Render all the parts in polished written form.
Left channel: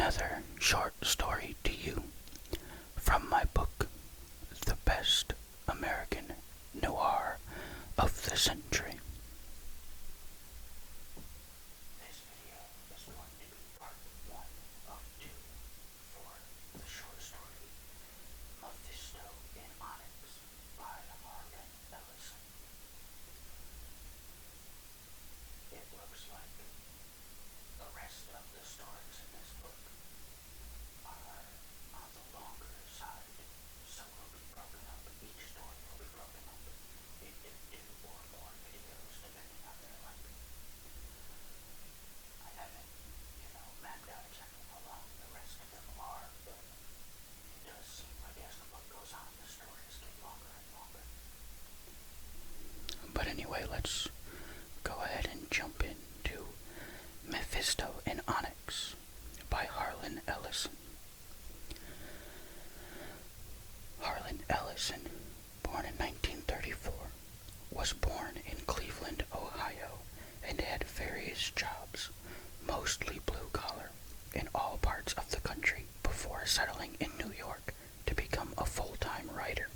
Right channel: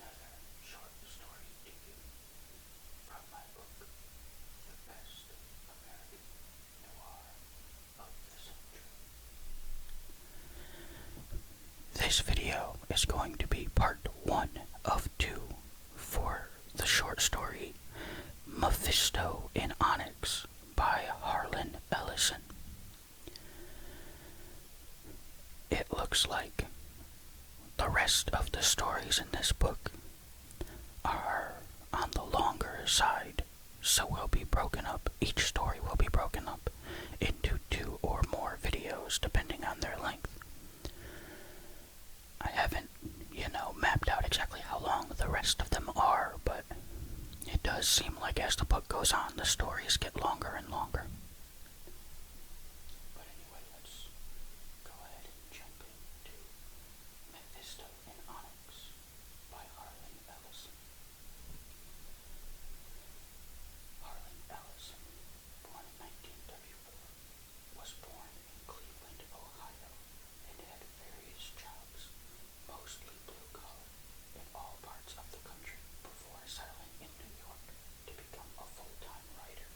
another short story to you from my book, The Best American Noir of the Century. This video is going to be part 1 of 2 for the short story Mephisto in Onyx by Harlan Ellison. It looks like the rest of the stories in this book are on the longer side, so each story will be broken up into 2 or more videos depending on their length. I haven't, mapped out exactly how long the rest of them are, but it does seem like as the book goes on, the stories get longer and longer. But anyway, let's go ahead and jump into Mephisto in Onyx by Harlan Ellison. Harlan Ellison, born in 1934, was born in Cleveland, Ohio, and had various jobs, mostly blue-collar, in all parts of the country before settling in New York to become a full-time writer.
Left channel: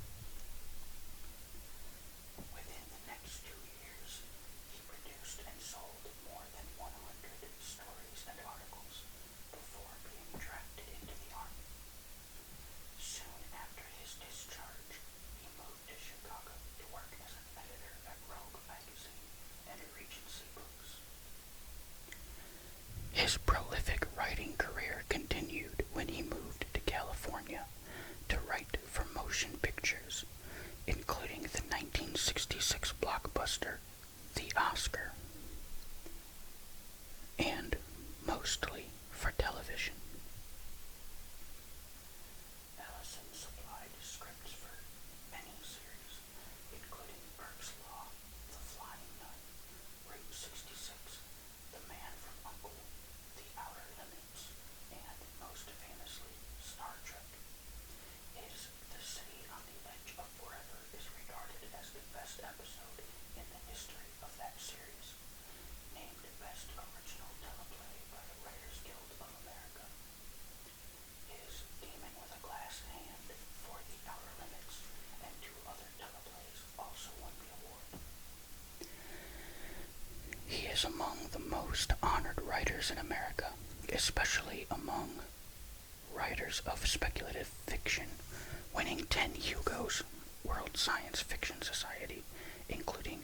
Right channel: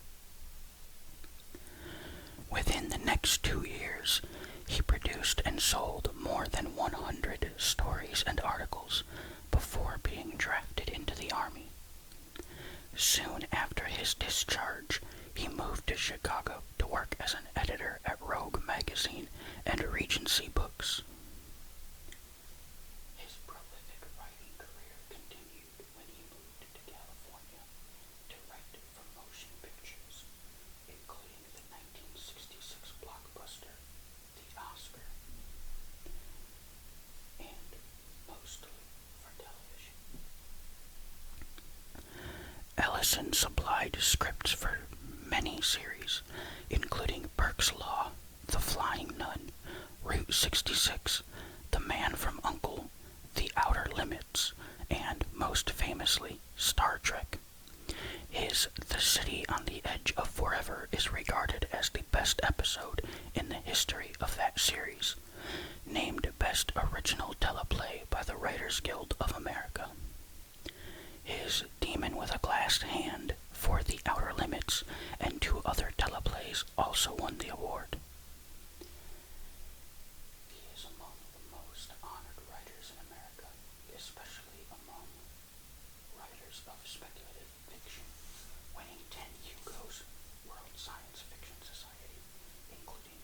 Within the next 2 years, he produced and sold more than 100 stories and articles before being drafted into the Army. Soon after his discharge, he moved to Chicago to work as an editor at Rogue magazine and Regency Books. His prolific writing career continued when he moved to California to write for motion pictures, including the 1966 blockbuster The Oscar, and mostly for television. Ellison supplied scripts for many series, including Burke's Law, The Flying Nun, Route 66, The Man from U.N.C.L.E., The Outer Limits, and, most famously, Star Trek. His The City on the Edge of Forever is regarded as the best episode in the history of that series, named Best Original Teleplay by the Writers Guild of America. His Demon with a Glass Hand for The Outer Limits and 2 other teleplays also won the award. He is among the most honored writers in America, especially among writers of speculative fiction, winning 10 Hugos, World Science Fiction Society, including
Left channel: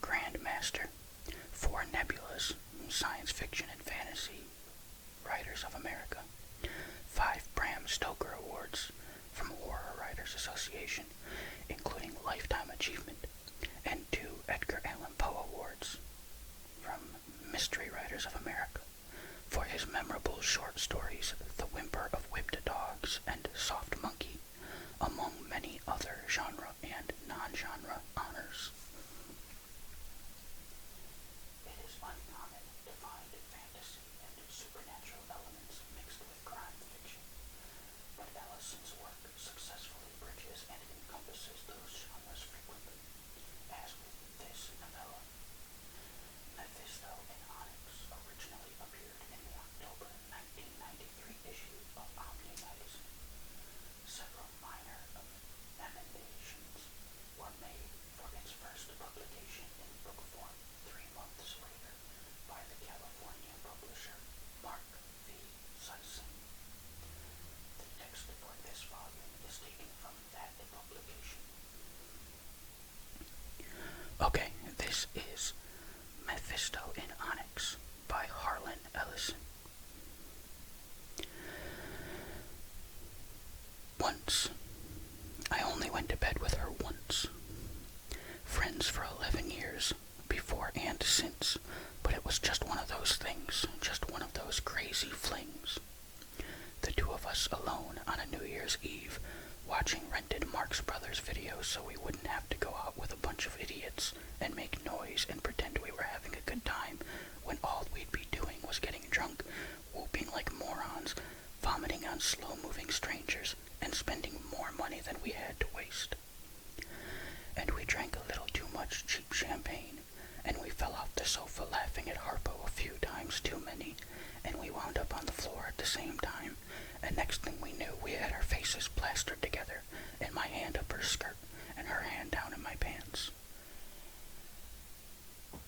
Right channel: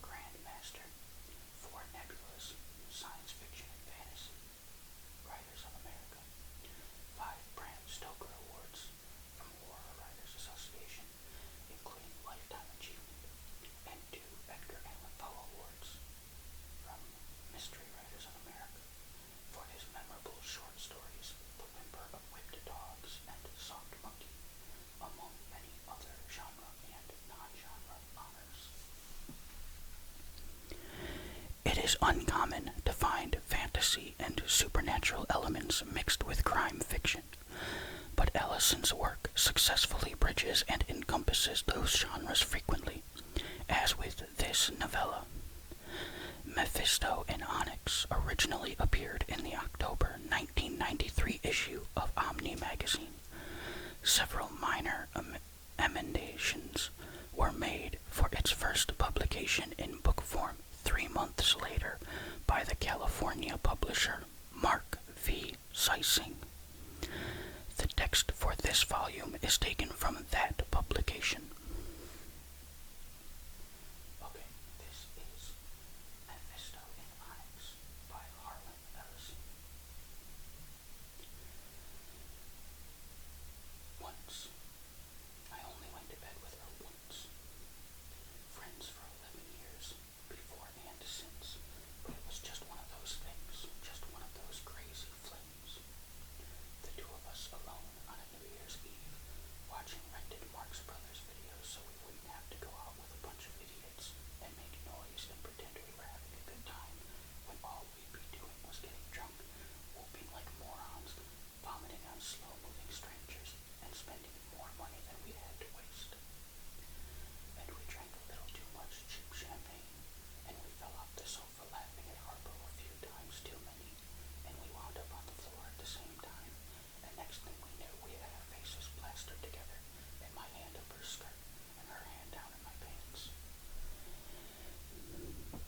Grandmaster, 4 Nebulas, Science Fiction and Fantasy Writers of America, 5 Bram Stoker Awards from Horror Writers Association, including Lifetime Achievement, and 2 Edgar Allan Poe Awards from Mystery Writers of America for his memorable short stories The Whimper of Whipped Dogs and Soft Monkey, among many other genre and non-genre honors. It is uncommon to find fantasy and supernatural elements mixed with crime fiction, but Ellison's work successfully bridges and encompasses those genres frequently, as with this novella. Mephisto in Onyx originally appeared in the October 1993 issue of Omni magazine. Several minor emendations were made for its first publication in book form 3 months later by the California publisher Mark V. Sising. The text for this volume is taken from that publication. Okay, this is Mephisto in Onyx by Harlan Ellison. Once, I only went to bed with her once. Friends for 11 years, before and since, but it was just one of those things, just one of those crazy flings. The 2 of us alone on a New Year's Eve, watching rented Marx Brothers videos so we wouldn't have to go out with a bunch of idiots and make noise and pretend we were having a good time when all we'd be doing was getting drunk, whooping like morons, vomiting on slow-moving strangers, and spending more money than we had to waste. And we drank a little too much cheap champagne, and we fell off the sofa laughing at Harpo a few times too many, and we wound up on the floor at the the same time, and next thing we knew, we had our faces plastered together, and my hand up her skirt, and her hand down in my pants.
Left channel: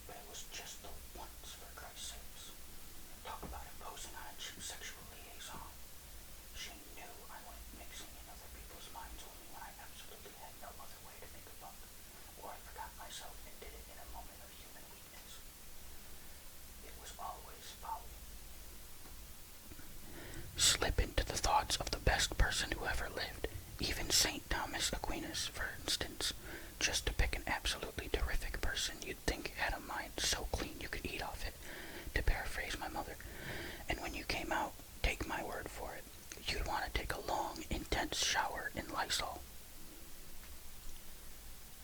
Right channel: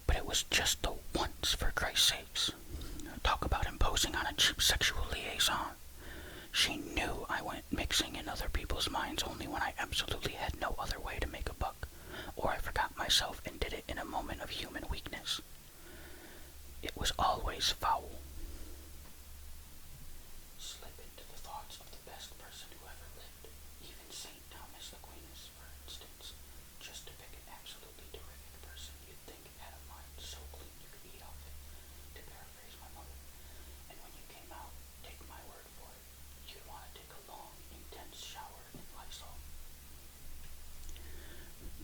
But it was just the once, for Christ's sakes. Talk about imposing on a cheap sexual liaison. She knew I went mixing in other people's minds only when I absolutely had no other way to make a buck, or I forgot myself and did it in a moment of human weakness. It was always foul. Slip into the thoughts of the best person who ever lived, even St. Thomas Aquinas, for instance, just to pick an absolutely terrific person you'd think had a mind so clean you could eat off it, to paraphrase my mother. And when you came out, take my word for it, you'd want to take a long, intense shower in Lysol.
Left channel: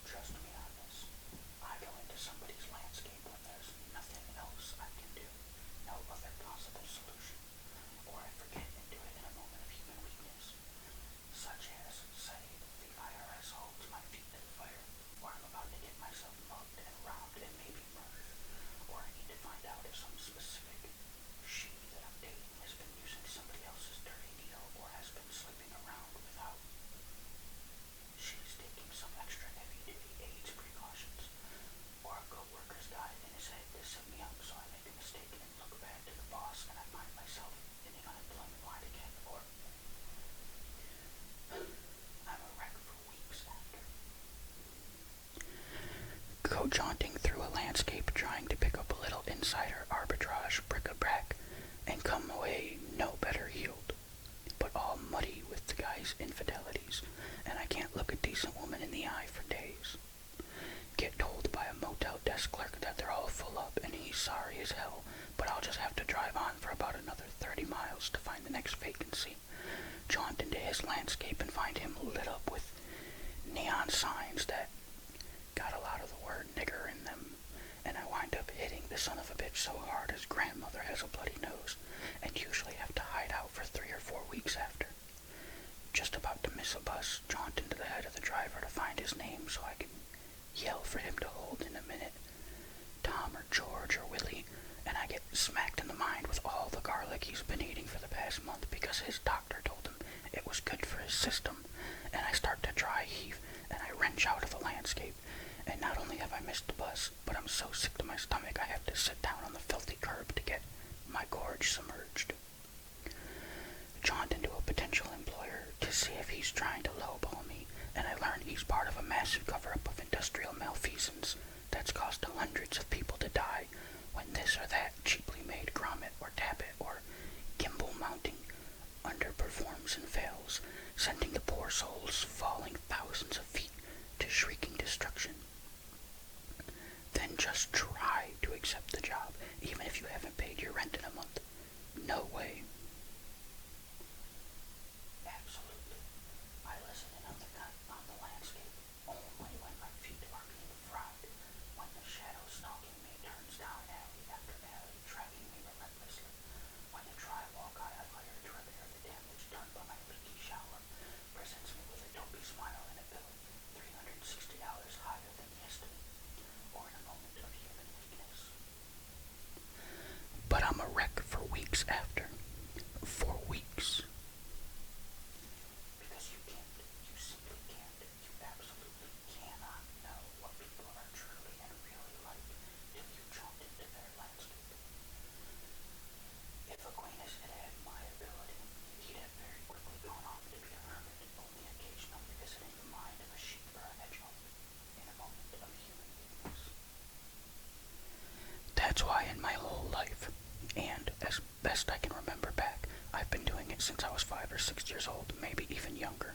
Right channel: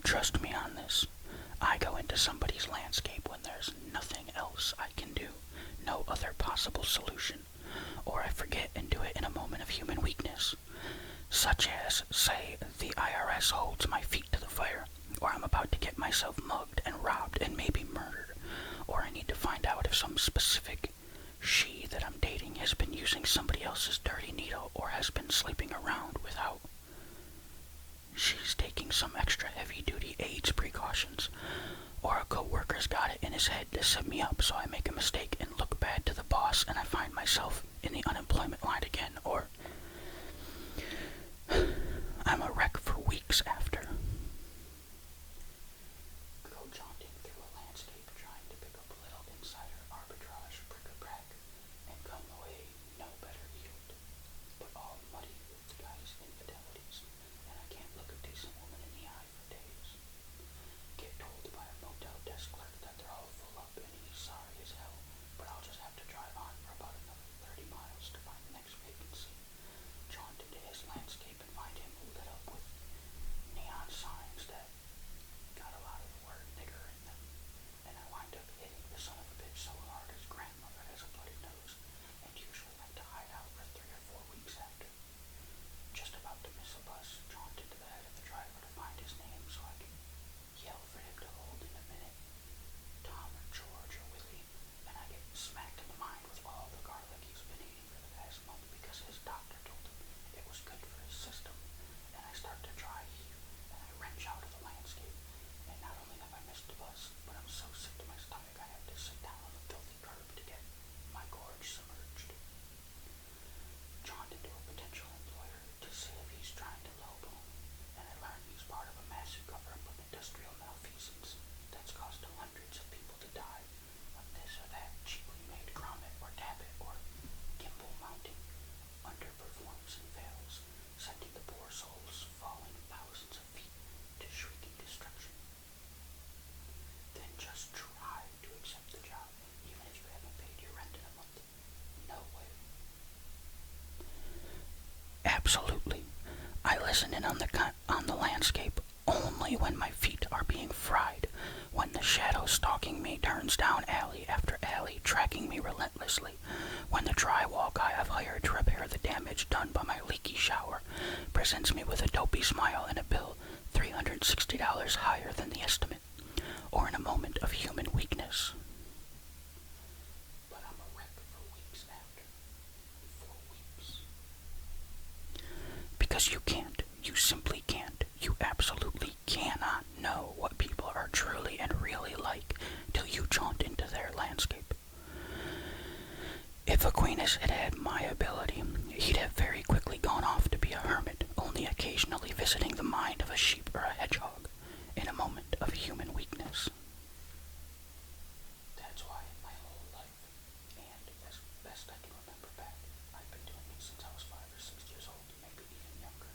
Trust me on this. I go into somebody's landscape when there's nothing else I can do, no other possible solution, or I forget and do it in a moment of human weakness, such as, say, the IRS holds my feet to the fire, or I'm about to get myself mugged and robbed and maybe murdered, or I need to find out if some specific she that I'm dating has been using somebody else's dirty needle or has been sleeping around without. She's taking some extra heavy-duty AIDS precautions, or a co-worker's got it in his head to set me up so I make a mistake and look bad to the boss and I find myself in the unemployment line again, or I'm a wreck for weeks after. Go jaunting through a landscape trying to pick up a little insider arbitrage bric-a-brac and come away no better healed, but all muddy with the guy's infidelities, and I can't look a decent woman in the eye for days. Get told by a motel desk clerk that they're all full up and he's sorry as hell, but I'll just have to drive on for about another 30 miles to find the next vacancy. Jaunt into his landscape and find him lit up with neon signs that got a lot of the word nigger in them, and I wind up hitting the son of a bitch so hard his grandmother has a bloody nose, and usually have to hide out for 3 or 4 weeks after. Just about to miss a bus, jaunt into the head of the driver to find his name so I can yell for him to hold in a minute, Tom or George or Willie, and I get smacked in the mind with all the garlic he's been eating for the past month because his doctor told him it was good for his system, and I start to dry heave, and I wrench out of the landscape, and not only have I missed the bus, but I'm so sick to my stomach I have to sit down on the filthy curb to get my gorge submerged. Jaunt into a potential employer to see if he's trying to lowball me, and I learn he's part of a massive cover-up of industrial malfeasance that's caused hundreds of people to die when this or that cheaply made grommet or tappet or gimbal mounting underperforms and fails, sending the poor souls falling thousands of feet to shrieking destruction. Then just try to accept the job, even if you haven't paid your rent in a month. No way. Absolutely. I listen in on the landscape only when my feet are being fried, when the shadow stalking me turns down alley after alley, tracking me relentlessly, when the drywall guy I've hired to repair the damage done by my leaky shower presents me with a dopey smile and a bill $360 higher than the estimate, or in a moment of human weakness. But I'm a wreck for weeks after. For weeks. Because you can't. You simply can't. You absolutely cannot know what people are truly and really like till you jaunt into their landscape. If Aquinas had had my ability, he'd have very quickly gone off to be a hermit, only occasionally visiting the mind of a sheep or a hedgehog in a moment of human weakness. That's why in my whole life, and as best I can remember back, I've been doing it since I was 5 or 6 years old, maybe even younger,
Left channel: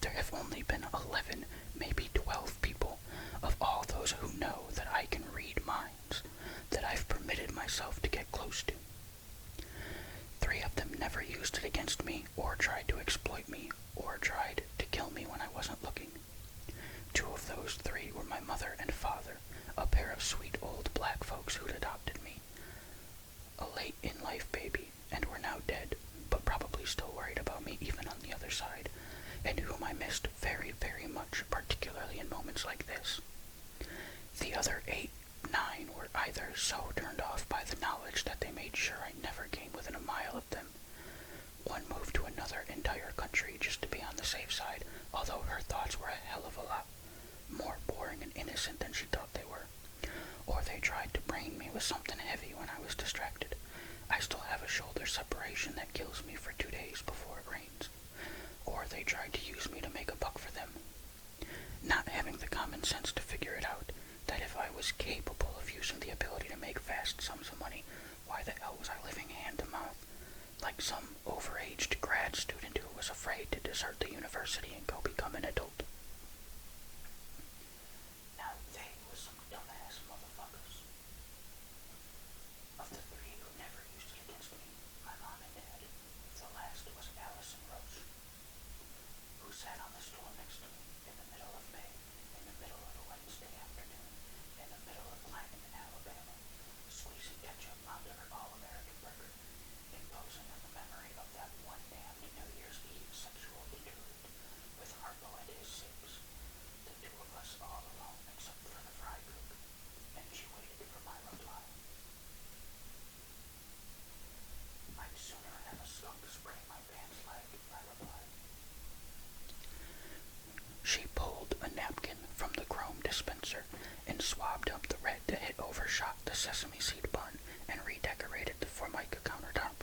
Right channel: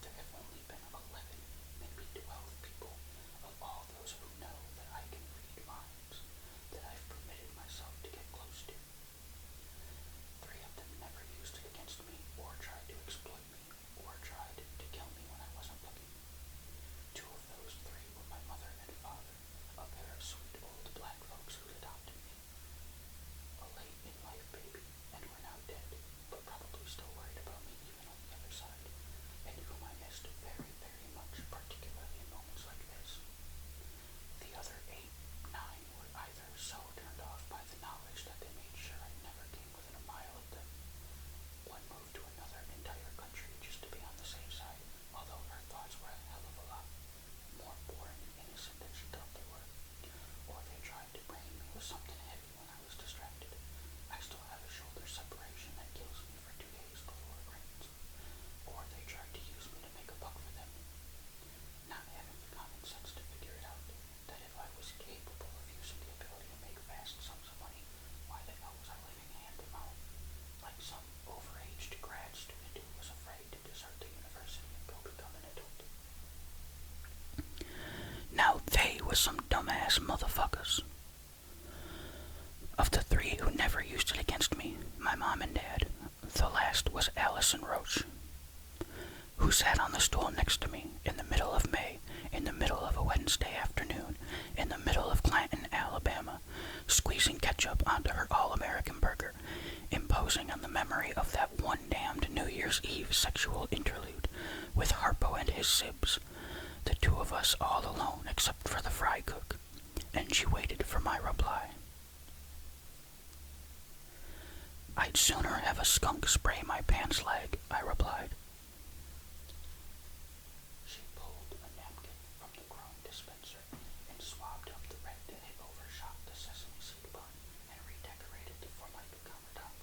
there have only been 11, maybe 12 people of all those who know that I can read minds that I've permitted myself to get close to. 3 of them never used it against me, or tried to exploit me, or tried to kill me when I wasn't looking. 2 of those 3 were my mother and father, a pair of sweet old black folks who'd adopted me. A late-in-life baby, and were now dead, but probably still worried about me even on the other side, and whom I missed very, very much, particularly in moments like this. The other 8, 9 were either so turned off by the knowledge that they made sure I never came within a mile of them, innocent than she thought they were. Or they tried to brain me with something heavy when I was distracted. I still have a shoulder separation that kills me for 2 days before it rains. Or they tried to use me to make a buck for them. Not having the common sense to figure it out, that if I was capable of using the ability to make vast sums of money, why the hell was I living hand to mouth, like some overaged grad student who was afraid to desert the university and go become an adult? Now they was some dumbass motherfuckers. Of the three who never used it against me, my mom and dad, the last was Allison Roach, who sat on the stool next to me in the middle of May, in the middle of a Wednesday afternoon, in the middle of Clanton, Alabama, squeezing ketchup onto her all-American burger, imposing on the memory of that one damned New Year's Eve sexual interlude with Harpo and his sibs, the two of us all alone except for the fry cook, and she waited for my reply. I'd sooner have a skunk spray my pants leg, I replied. She pulled a napkin from the chrome dispenser and swabbed up the red that had overshot the sesame seed bun and redecorated the Formica countertop.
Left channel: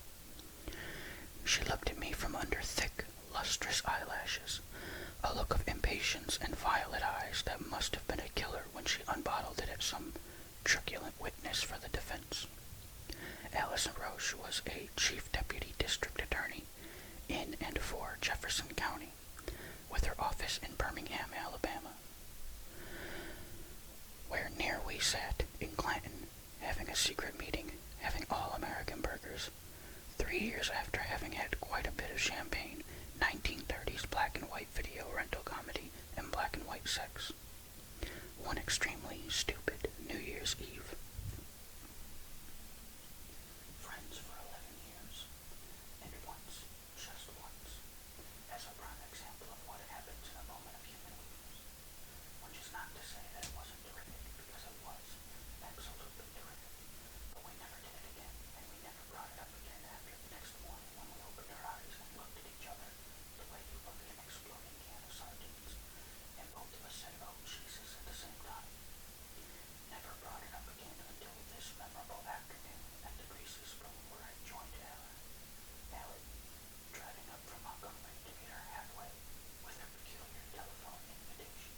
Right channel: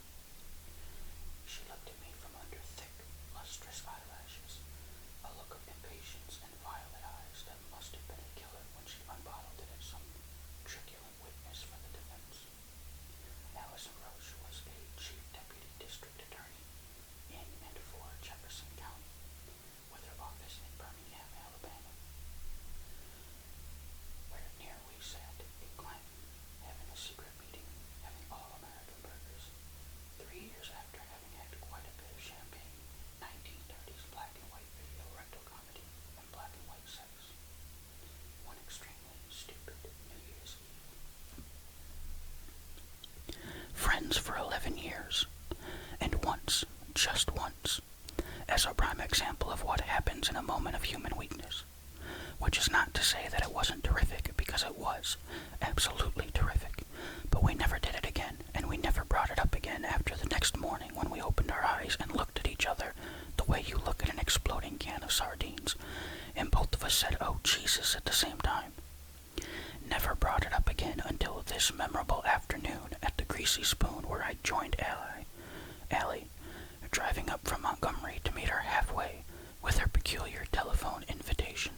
She looked at me from under thick, lustrous eyelashes, a look of impatience and violet eyes that must have been a killer when she unbottled it at some truculent witness for the defense. Allison Roche was a chief deputy district attorney in and for Jefferson County, with her office in Birmingham, Alabama, where near we sat in Clanton, having a secret meeting, having all-American burgers, 3 years after having had quite a bit of champagne, 1930s black and white video rental comedy, and black and white sex. One extremely stupid New Year's Eve. Friends for 11 years, and once, just once, as a prime example of what happens in a moment of human weakness, which is not to say that it wasn't terrific, because it was, absolutely terrific, but we never did it again, and we never brought it up again after the next morning when we opened our eyes and looked at each other the way you look at an exploding can of sardines, and both of us said, "Oh, Jesus," at the same time. Never brought it up again until this memorable afternoon at the Greasy Spoon, where I joined Allie, driving up from Montgomery to meet her halfway with her peculiar telephone invitation.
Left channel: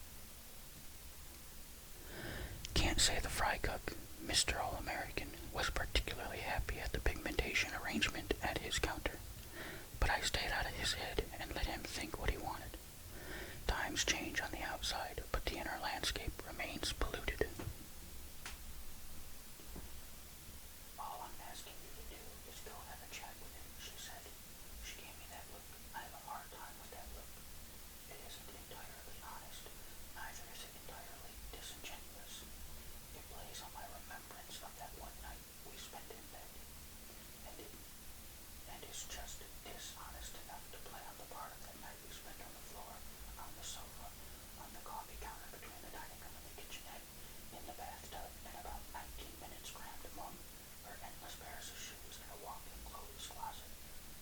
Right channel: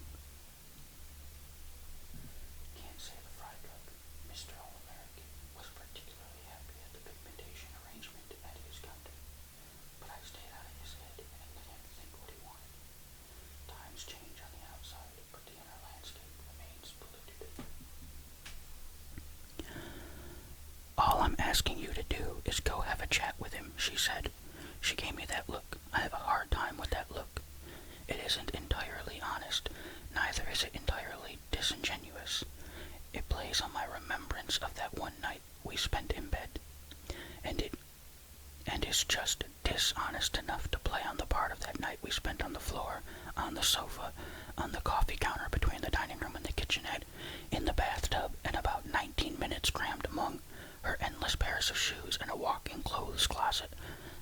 Can't say the fry cook, Mr. All-American, was particularly happy at the pigmentation arrangement at his counter, but I stayed out of his head and let him think what he wanted. Times change on the outside, but the inner landscape remains polluted. All I'm asking you to do is go have a chat with him, she said. She gave me that look. I have a hard time with that look. It isn't entirely honest, neither is it entirely disingenuous. It plays on my remembrance of that one night we spent in bed, and is just dishonest enough to play on the part of that night we spent on the floor, on the sofa, on the coffee counter between the dining room and the kitchenette, in the bathtub, and about 19 minutes crammed among her endless pairs of shoes and a walk-in clothes closet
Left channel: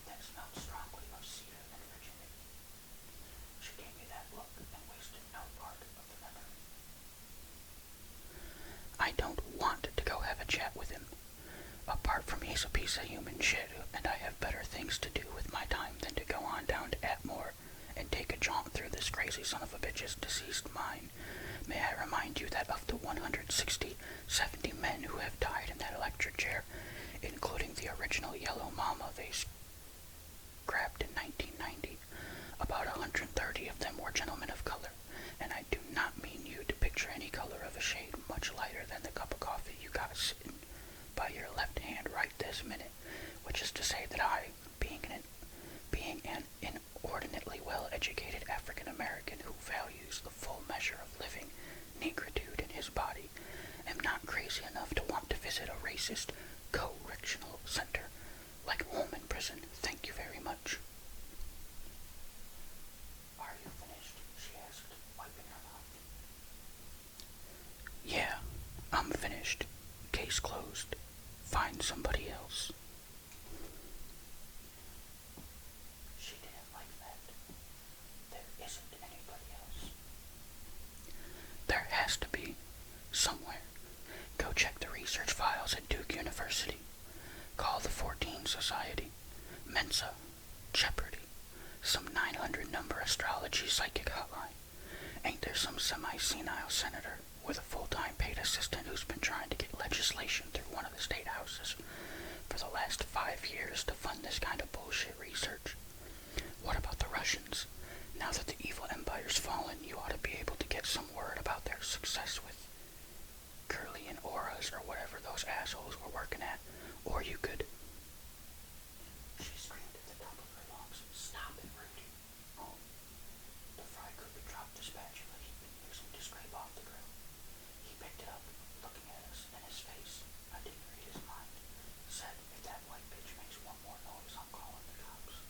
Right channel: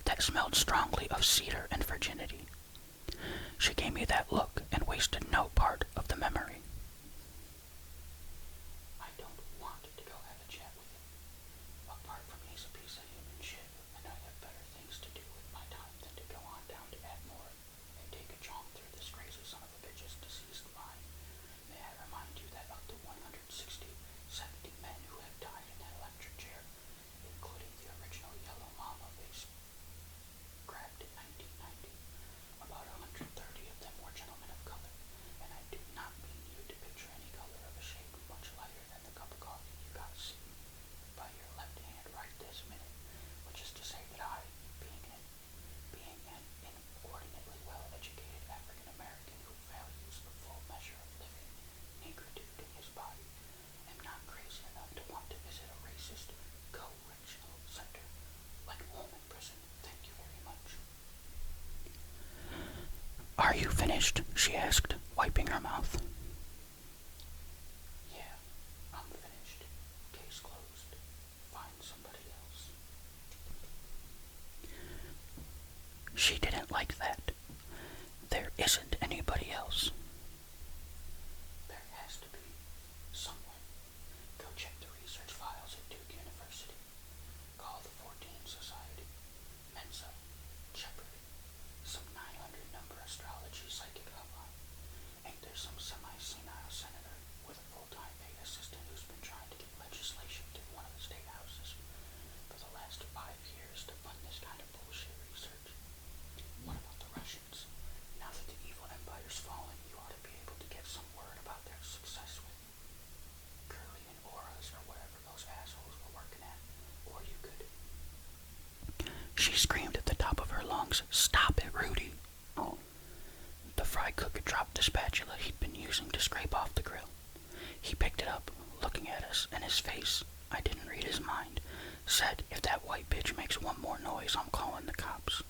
that smelled strongly of cedar and virginity. She gave me that look and wasted no part of the memory. I don't want to go have a chat with him. Apart from he's a piece of human shit, and I have better things to do with my time than to go on down to Atmore and take a jaunt through this crazy son of a bitch's deceased mind. May I remind you that of the 170 men who have died in that electric chair, including the original Yellow Mama they scrapped in 1990, about 130 of them were gentlemen of color, and I do not mean you to picture any color of a shade much lighter than the cup of coffee you got sitting by your left hand right this minute, which is to say that I, being an inordinately well-educated African-American who values the full measure of living negritude in his body, am not crazy enough to want to visit a racist correctional center like Holman Prison. Thank you very much. Are you finished? She asked, wiping her mouth. Yeah, I'm finished. Case closed. Find somebody else. She didn't like that. There isn't anybody else. There has to be, hotline. Ain't there some semi-senile senator with a full-time paid assistant who's been trying to get legislation through one of the state houses for the last 5 years to fund this kind of bullshit research? What about the Russians? Now that the evil empire's fallen, you ought to be able to get some word about their success with Curly and Auras or whatever those assholes were working at. Or you could... She screamed at the top of her lungs, "Stop it, Rudy!" The fry cook dropped the spatula he'd been using to scrape off the grill. He picked it up, looking at us, and his face, I didn't read his mind, said, "If that white bitch makes one more noise, I'm calling the cops."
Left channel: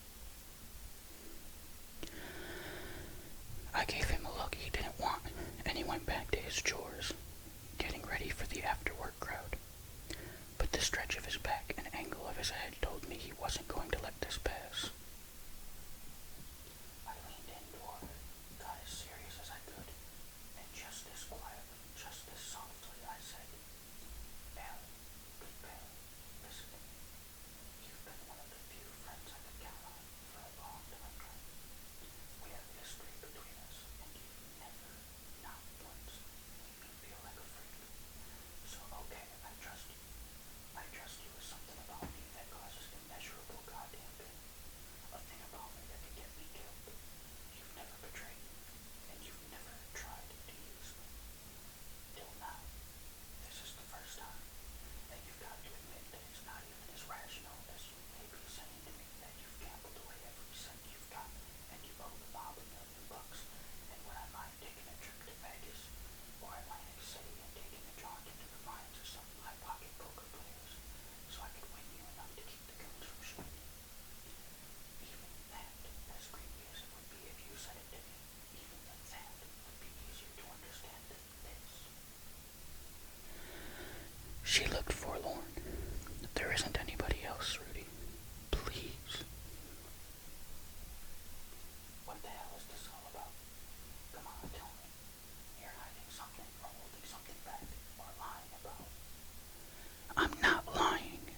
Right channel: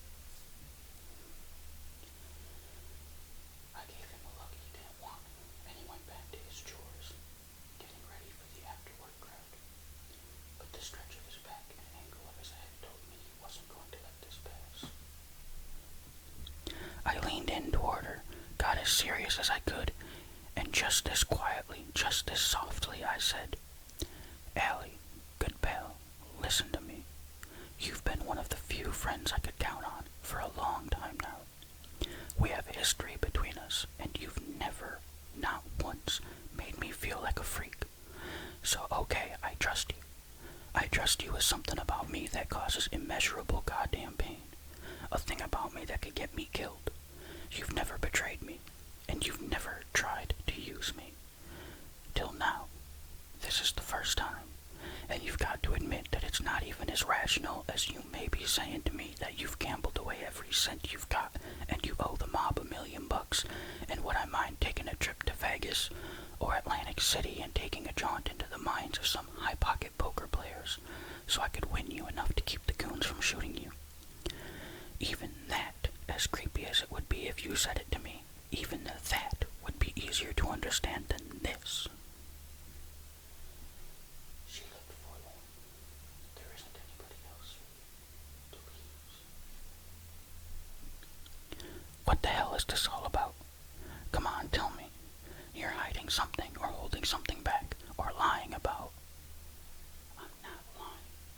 I gave him a look he didn't want, and he went back to his chores, getting ready for the after-work crowd. But the stretch of his back and angle of his head told me he wasn't going to let this pass. I leaned in toward her, got as serious as I could, and just as quietly, just as softly, I said, "Allie, good pal, listen to me. You've been one of the few friends I could count on for a long time now. We have history between us, and you've never, not once, made me feel like a freak. So okay, I trust you. I trust you with something about me that causes immeasurable goddamn pain. A thing about me that could get me killed. You've never betrayed me, and you've never tried to use me. Till now. This is the first time. And you've got to admit that it's not even as rational as you may be saying to me that you've gambled away every cent you've got, and you owe the mob $1 million, and would I mind taking a trip to Vegas or Atlantic City and taking a jaunt into the minds of some high-pocket poker players so I could win you enough to keep the goons from shooting you? Even that, as creepy as it would be if you said it to me, even that would be easier to understand than this." She looked forlorn. "There isn't anybody else, Rudy. Please." "What the hell is this all about? Come on, tell me. You're hiding something or holding something back or lying about." "I'm not lying."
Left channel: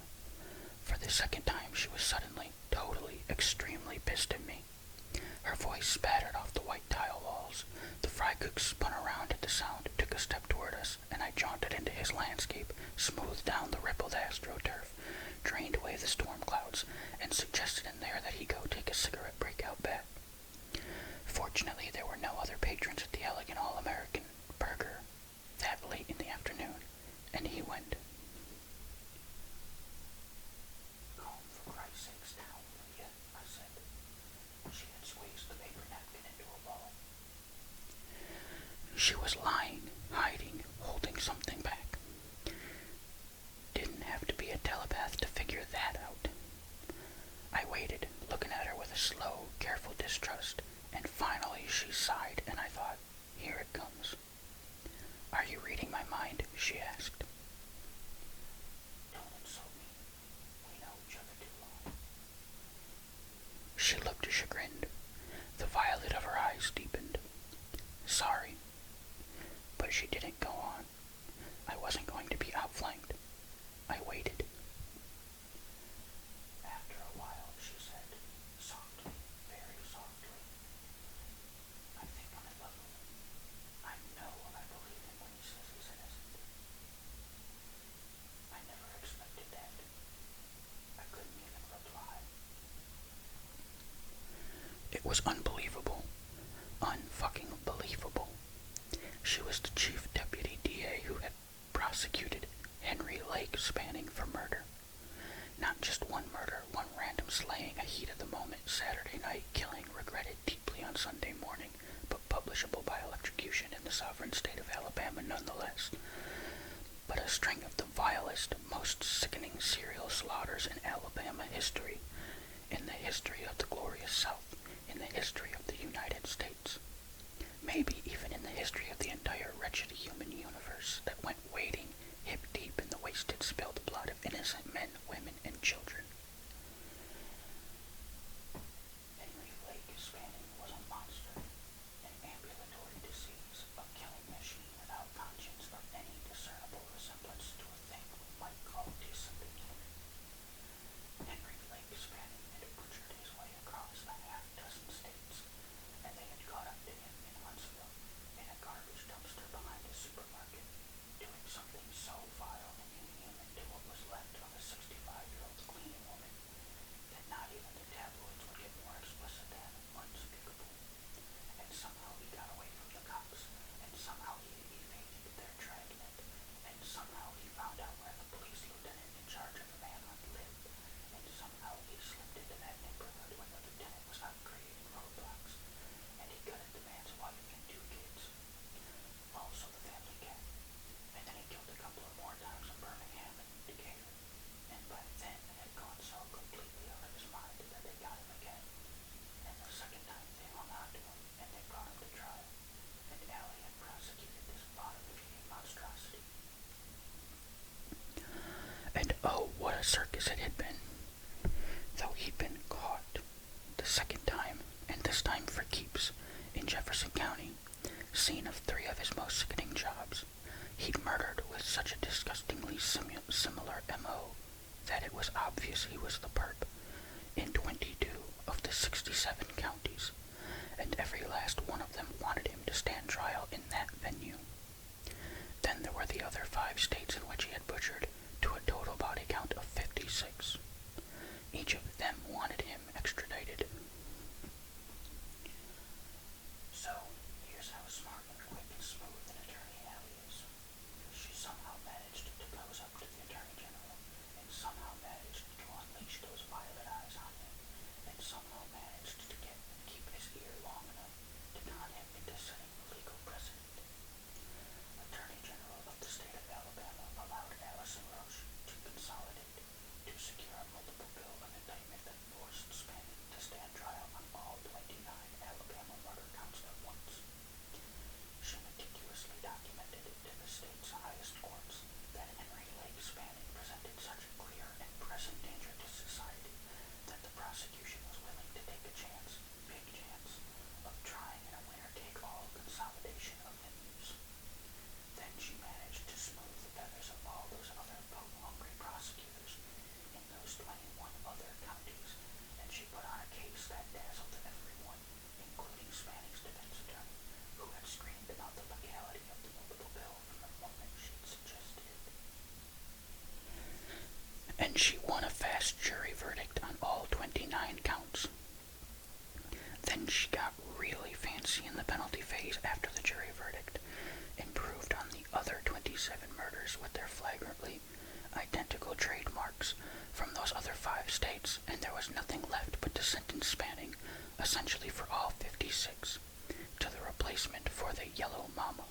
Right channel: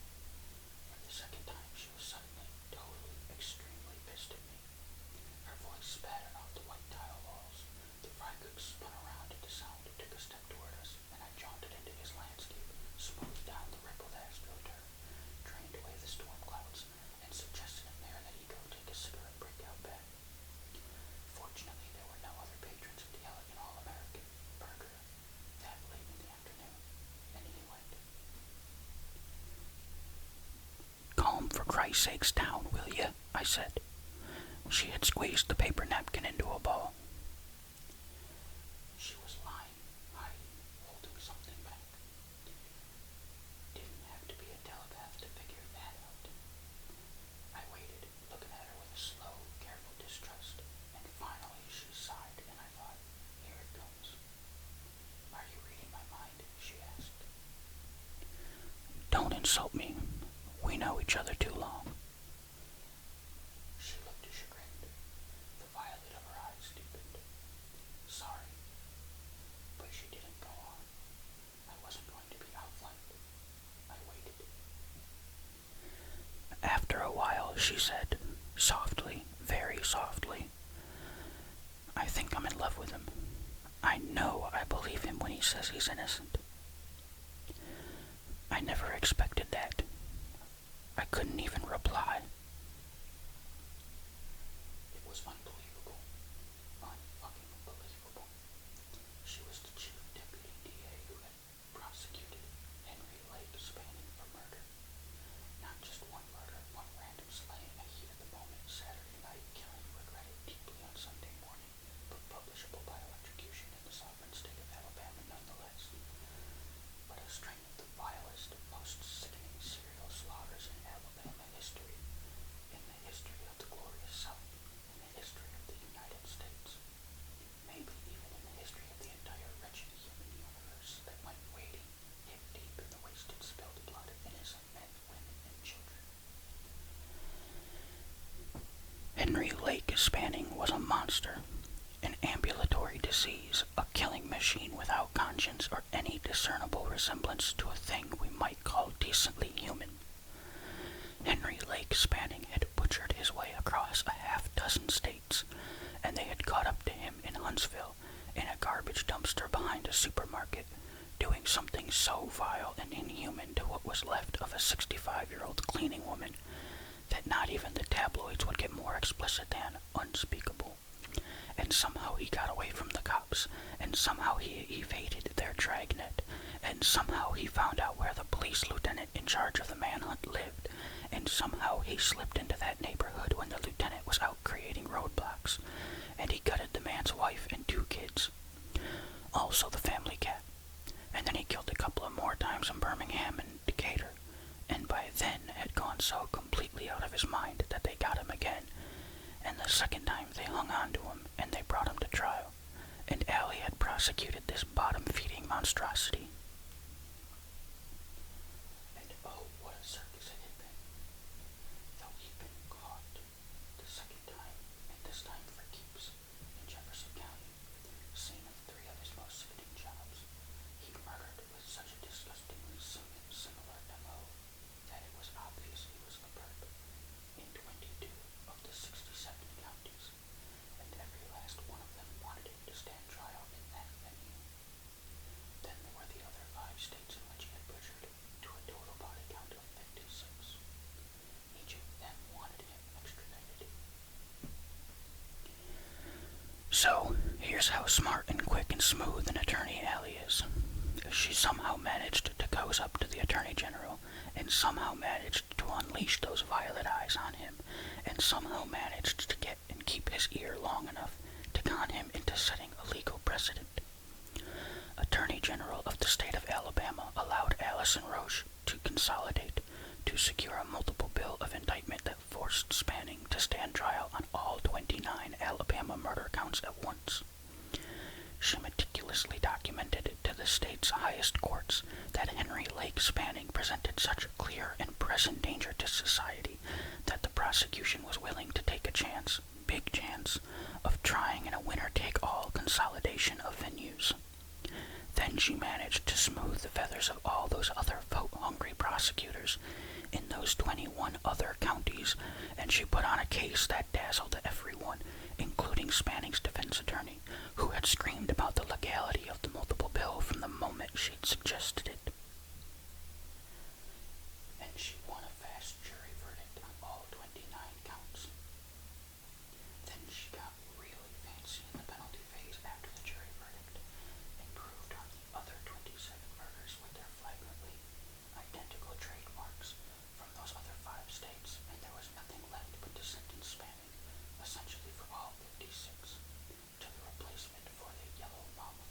For the second time, she was suddenly, totally, extremely pissed at me. Her voice spattered off the white tile walls. The fry cook spun around at the sound, took a step toward us, and I jaunted into his landscape, smoothed down the rippled astroturf, drained away the storm clouds, and suggested in there that he go take a cigarette break out back. Fortunately, there were no other patrons at the elegant All-American Burger that late in the afternoon, and he went. "Calm for Christ's sakes down, will you?" I said. She had squeezed the paper napkin into a ball. She was lying, hiding, holding something back. Didn't have to be a telepath to figure that out. I waited, looking at her with a slow, careful distrust, and finally she sighed, and I thought, here it comes. "Are you reading my mind?" she asked. "Don't insult me. We know each other too long." She looked chagrined. The violet of her eyes deepened. "Sorry." But she didn't go on. I wasn't going to be outflanked. I waited. After a while, she said, softly, very softly, "I think I'm in love with him. I know I believe him when he says he's innocent." I never expected that. I couldn't even reply. It was unbelievable. Unfucking believable. She was the chief deputy DA who had prosecuted Henry Lake Spanning for murder. Not just one murder, one random slaying, a heat-of-the-moment Saturday night killing regretted deeply on Sunday morning, but publishable by electrocution in the sovereign state of Alabama nonetheless. But a string of the vilest, most sickening serial slaughters in Alabama history, in the history of the glorious South, in the history of the United States, maybe even in the history of the entire wretched human universe that went wading hip-deep in the wasted, spilled blood of innocent men, women, and children. Henry Lake Spanning was a monster, an ambulatory disease, a killing machine without conscience or any discernible resemblance to a thing we might call decently human. Henry Lake Spanning had butchered his way across a half-dozen states, and they had caught up to him in Huntsville in a garbage dumpster behind a supermarket, doing something so vile and inhuman to what was left of a 65-year-old cleaning woman that not even the tabloids would get more explicit than unspeakable. And somehow he got away from the cops, and somehow he evaded their dragnet, and somehow he found out where the police lieutenant in charge of the manhunt lived, and somehow he slipped into that neighborhood when the lieutenant was out creating roadblocks, and he gutted the man's wife and 2 kids. Also the family cat. And then he killed a couple of more times in Birmingham and Decatur, and by then had gone so completely out of his mind that they got him again, and the second time they hung on to him and they brought him to trial, and Allie had prosecuted this bottom-feeding monstrosity. And oh, what a circus it had been. Though he'd been caught the second time, and this time for keeps, in Jefferson County, scene of 3 of his most sickening jobs, he'd murdered with such a disgustingly similar M.O. that it was obvious he was the perp in 22 of the 67 counties, and every last one of them wanted him to stand trial in that venue. Then there were the other 5 states in which he had butchered to a total body count of 56. Each of them wanted him extradited. So, here's how smart and quick and smooth an attorney Allie is. She somehow managed to cozy up to the Attorney General, and somehow managed to unleash those violet eyes on him, and somehow managed to get and keep his ear long enough to con him into setting a legal precedent. Attorney General of the state of Alabama allowed Allison Roche to consolidate to secure a multiple bill of indictment that forced Spanning to stand trial on all 29 Alabama murder counts at once. She meticulously documented to the state's highest courts that Henry Lake Spanning presented such clear and present danger to society that the prosecution was willing to take a chance, big chance, of trying in a winner-take-all consolidation of venues. Then she managed to smooth the feathers of all those other vote-hungry prosecutors in those 21 other counties, and she put on a case that dazzled everyone, including Spanning's defense attorney, who had screamed about the legality of the multiple bill from the moment she'd suggested it. And she won a fast jury verdict on all 29 counts. Then she got really fancy in the penalty phase after the jury verdict, and proved on the other 27 murders with their flagrantly identical trademarks from those other 5 states, and there was nothing left but to sentence Spanning, essentially for all 56, to the replacement for the Yellow Mama.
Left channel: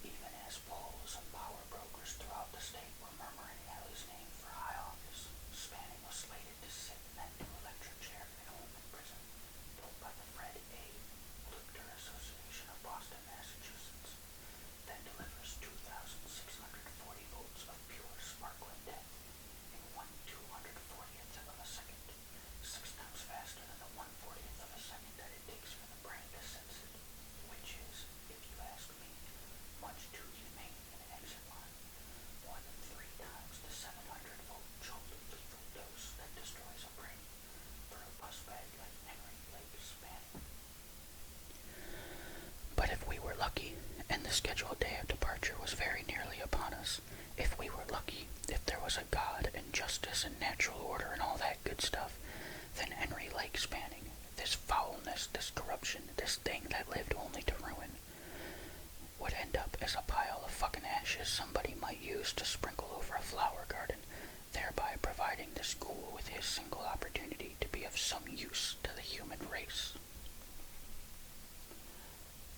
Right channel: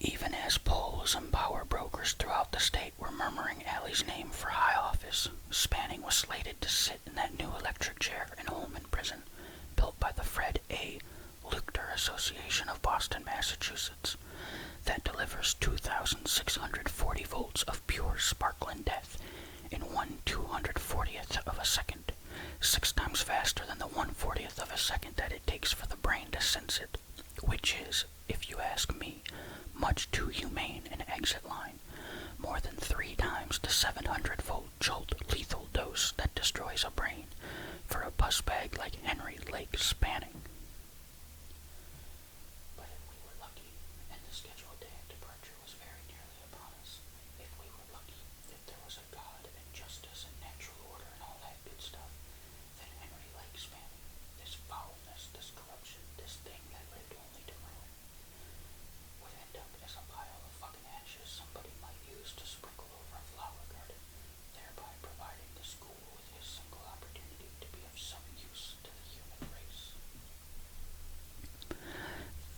Even as polls and power brokers throughout the state were murmuring Allie's name for high office, Spanning was slated to sit in that new electric chair in Holman Prison, built by the Fred A. Luchter Association of Boston, Massachusetts, that delivers 2,640 volts of pure sparkling death in 1/240th of a second, 6 times faster than the 1/40th of a second that it takes for the brain to sense it, which is, if you ask me, much too humane an exit line, more than 3 times the 700-volt jolt lethal dose that destroys a brain for a pussbag like Henry Lake Spanning. But if we were lucky, and the scheduled day of departure was very nearly upon us, if we were lucky, if there was a God and justice and natural order and all that good stuff, then Henry Lake Spanning, this foulness, this corruption, this thing that lived only to ruin, would end up as a pile of fucking ashes somebody might use to sprinkle over a flower garden, thereby providing this ghoul with his single opportunity to be of some use to the human race.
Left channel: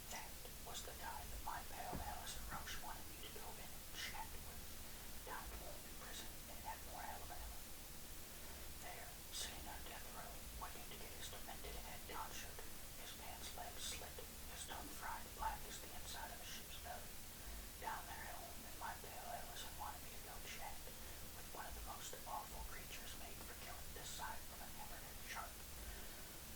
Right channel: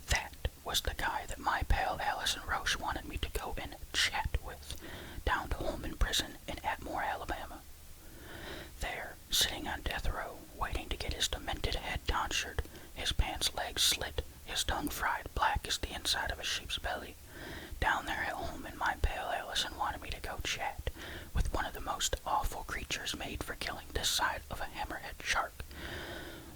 That was the guy that my pal Allison Roche wanted me to go and chat with, down to Holman Prison in Atmore, Alabama. There, sitting on death row, waiting to get his demented head tonsured, his pants legs slit, his tongue fried black as the inside of a sheep's belly. Down there at home, and my pale Allison wanted me to go chat with one of the most awful creatures made for killing this side of a hammerhead shark,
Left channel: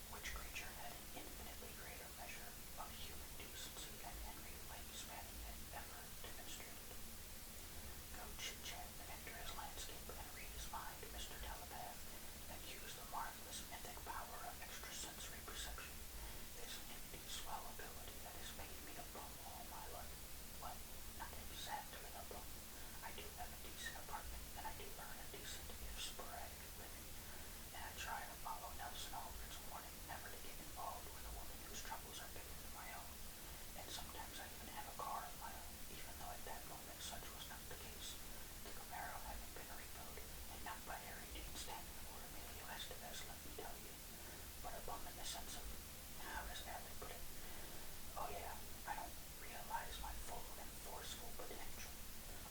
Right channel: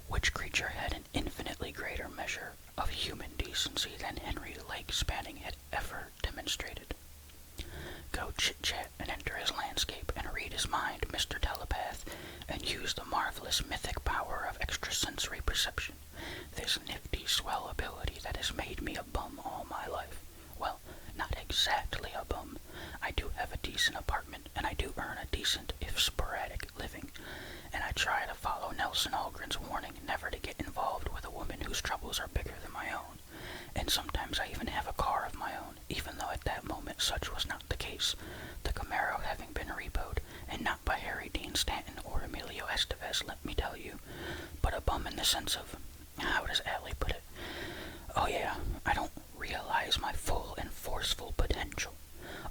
which creature had an infinitely greater measure of human decency than Henry Lake Spanning had ever demonstrated. Go chit-chat and enter his landscape and read his mind, Mr. Telepath, and use the marvelous mythic power sensory perception, this nifty swell ability that has made me a bum all my life. Well, not exactly a bum. I do have a decent apartment, and I do earn a decent, if sporadic, living, and I try to follow Nelson Algren's warning never to get involved with a woman whose troubles are bigger than my own. And sometimes I even have a car of my own, even though at that moment such was not the case, the Camaro having been repoed, and not by Harry Dean Stanton or Emilio Estevez, let me tell you, but a bum in the sense of, how does Allie put it? Oh yeah, I don't realize my full and forceful potential.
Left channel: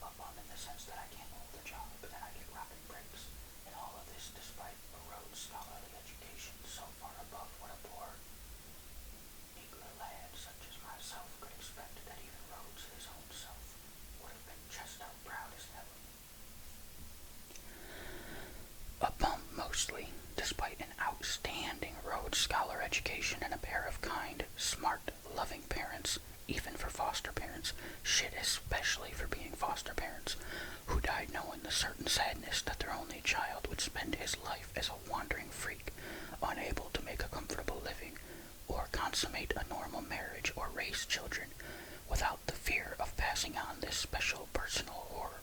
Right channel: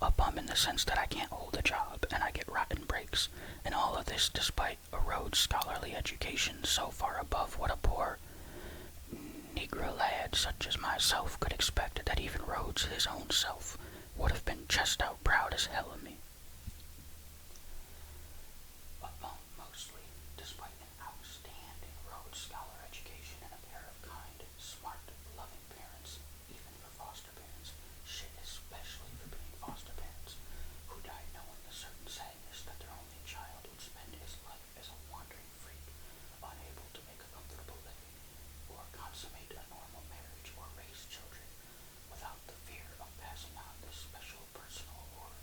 A bum in the sense that I can't hold a job, and I get rotten breaks, and all of this despite a Rhodes scholarly education so far above what a poor Negro lad such as myself could expect that even Rhodes, his own self, would have been chest-out proud as hell of me. A bum, mostly, despite an outstanding Rhodes Scholar education and a pair of kind, smart, loving parents, even for foster parents, shit especially for being foster parents, who died knowing the certain sadness that their only child would spend his life as a wandering freak, unable to make a comfortable living, or consummate a normal marriage or raise children, without the fear of passing on this special personal horror,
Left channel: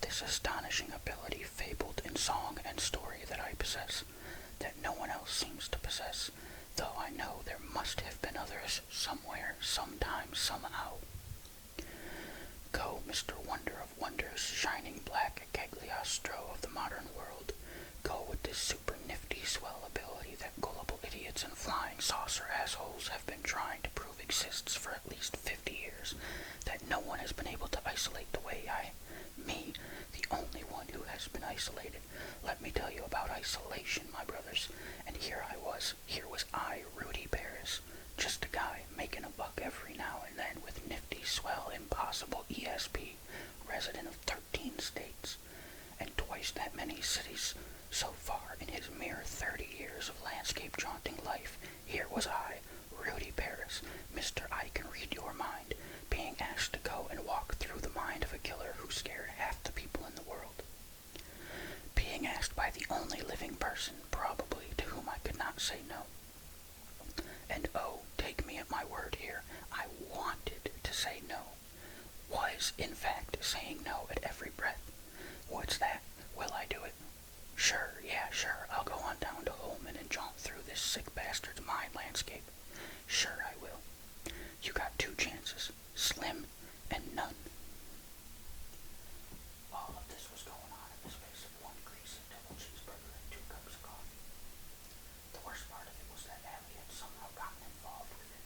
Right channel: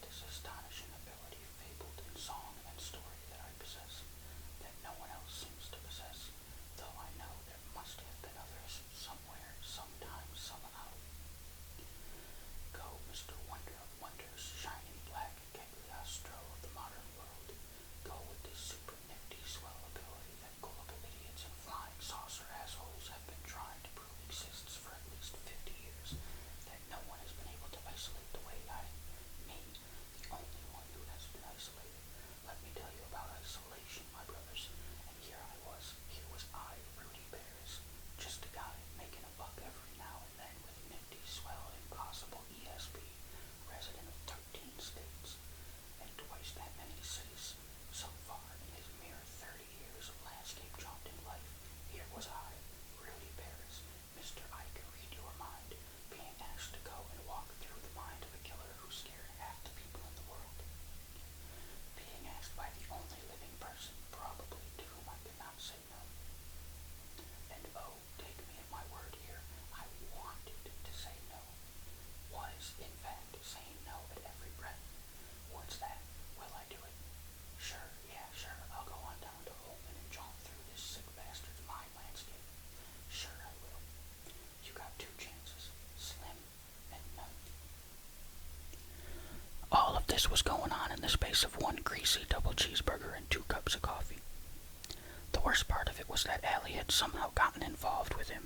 this astonishing ability fabled in song and story that I possess, that no one else seems to possess, though I know there must have been others somewhere, sometime, somehow. Go, Mr. Wonder of Wonders, shining black Cagliostro of the modern world. Go with this super nifty swell ability that gullible idiots and flying saucer assholes have been trying to prove exists for at least 50 years, that no one has been able to isolate the way me, the only one who has been isolated. Let me tell you about isolation, my brothers. And here was I, Rudy Paris, just a guy making a buck every now and then with nifty, swell, impossible ESP, resident of 13 states, and twice that many cities so far in his mere 30 years of landscape jaunting life. Here was I, Rudy Paris, Mr. I Can Read Your Mind, being asked to go and walk through the mind of a killer who scared half the people in the world. Being asked by the only living person, probably, to whom I could not say no. And oh, take me at my word here, I wanted to say no. Was, in fact, saying no at every breath. What's that? Will I do it? Sure, yeah, sure, I'll go on down to Holman and jaunt through this sick bastard's mind landscape. Sure I will. You got 2 chances, slim and none. All of this was going on in the space of 1 greasy double cheeseburger and 2 cups of coffee. The worst part of it was that Allie had somehow gotten involved with him.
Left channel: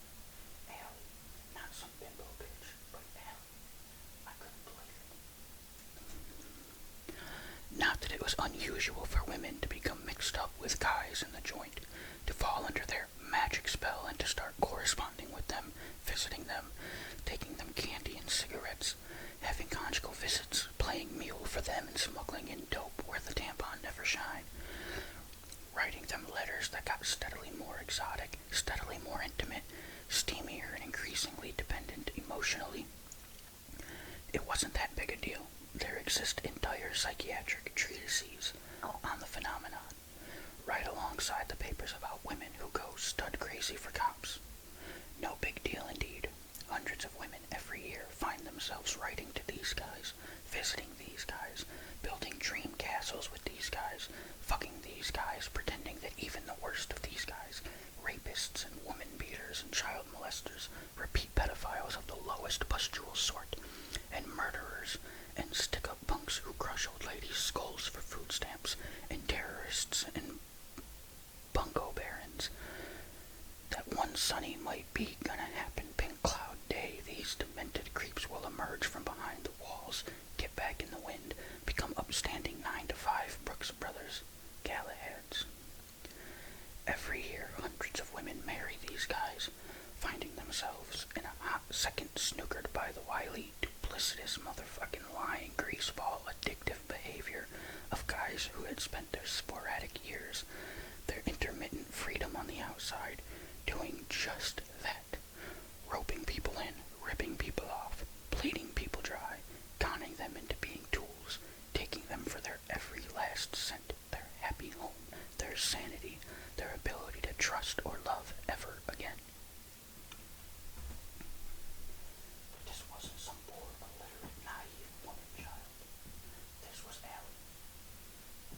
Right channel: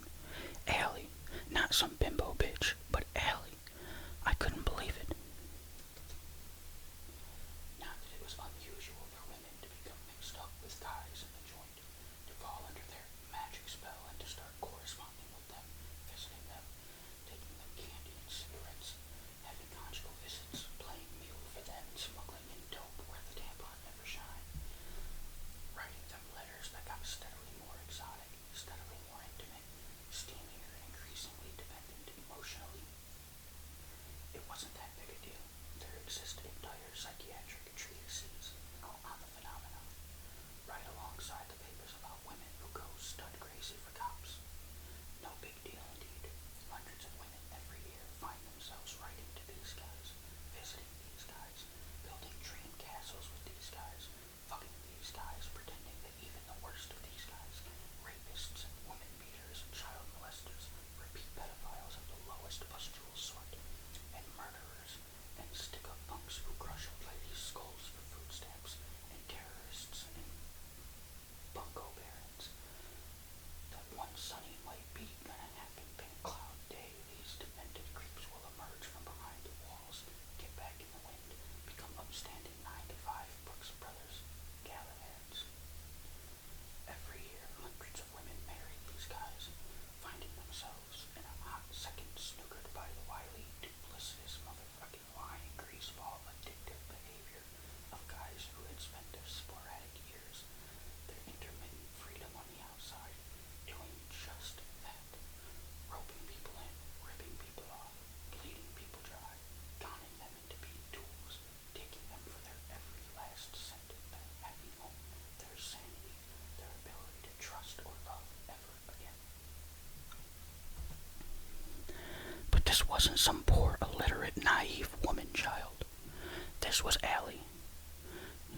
Allie, not some bimbo bitch, but Allie. I couldn't believe it. Not that it was unusual for women to become mixed up with guys in the joint, to fall under their magic spell and to start corresponding with them, visiting them, taking them candy and cigarettes, having conjugal visits, playing mule for them and smuggling in dope where the tampon never shined, writing them letters that got steadily more exotic, steadily more intimate, steamier and increasingly dependent emotionally. It wasn't that big a deal. There exist entire psychiatric treatises on the phenomenon, right alongside the papers about women who go stud crazy for cops. No big deal indeed. Hundreds of women every year find themselves writing to these guys, visiting these guys, building dream castles with these guys, fucking these guys, pretending that even the worst of these guys, rapists and woman beaters and child molesters, repeat pedophiles of the lowest pustule sort, and murderers, and stick-up punks who crush old ladies' skulls for food stamps, and terrorists and bungo barons. That one sunny might be gonna happen pink cloud day, these demented creeps will emerge from behind the walls, get back in the wind, become upstanding 9-to-5 Brooks Brothers, Galahads. Every year, hundreds of women marry these guys, finding themselves in a hot second snookered by the wily, duplicitous, motherfucking lying greaseball addictive behavior of guys who had spent their sporadic years, their intermittent freedom on the outside, doing just that, roping people in, ripping people off, bleeding people dry, conning them into being tools, taking them for their every last cent, their happy home, their sanity, their ability to trust trust or love ever again. But this wasn't some poor, illiterate, naive woman child. This was Allie.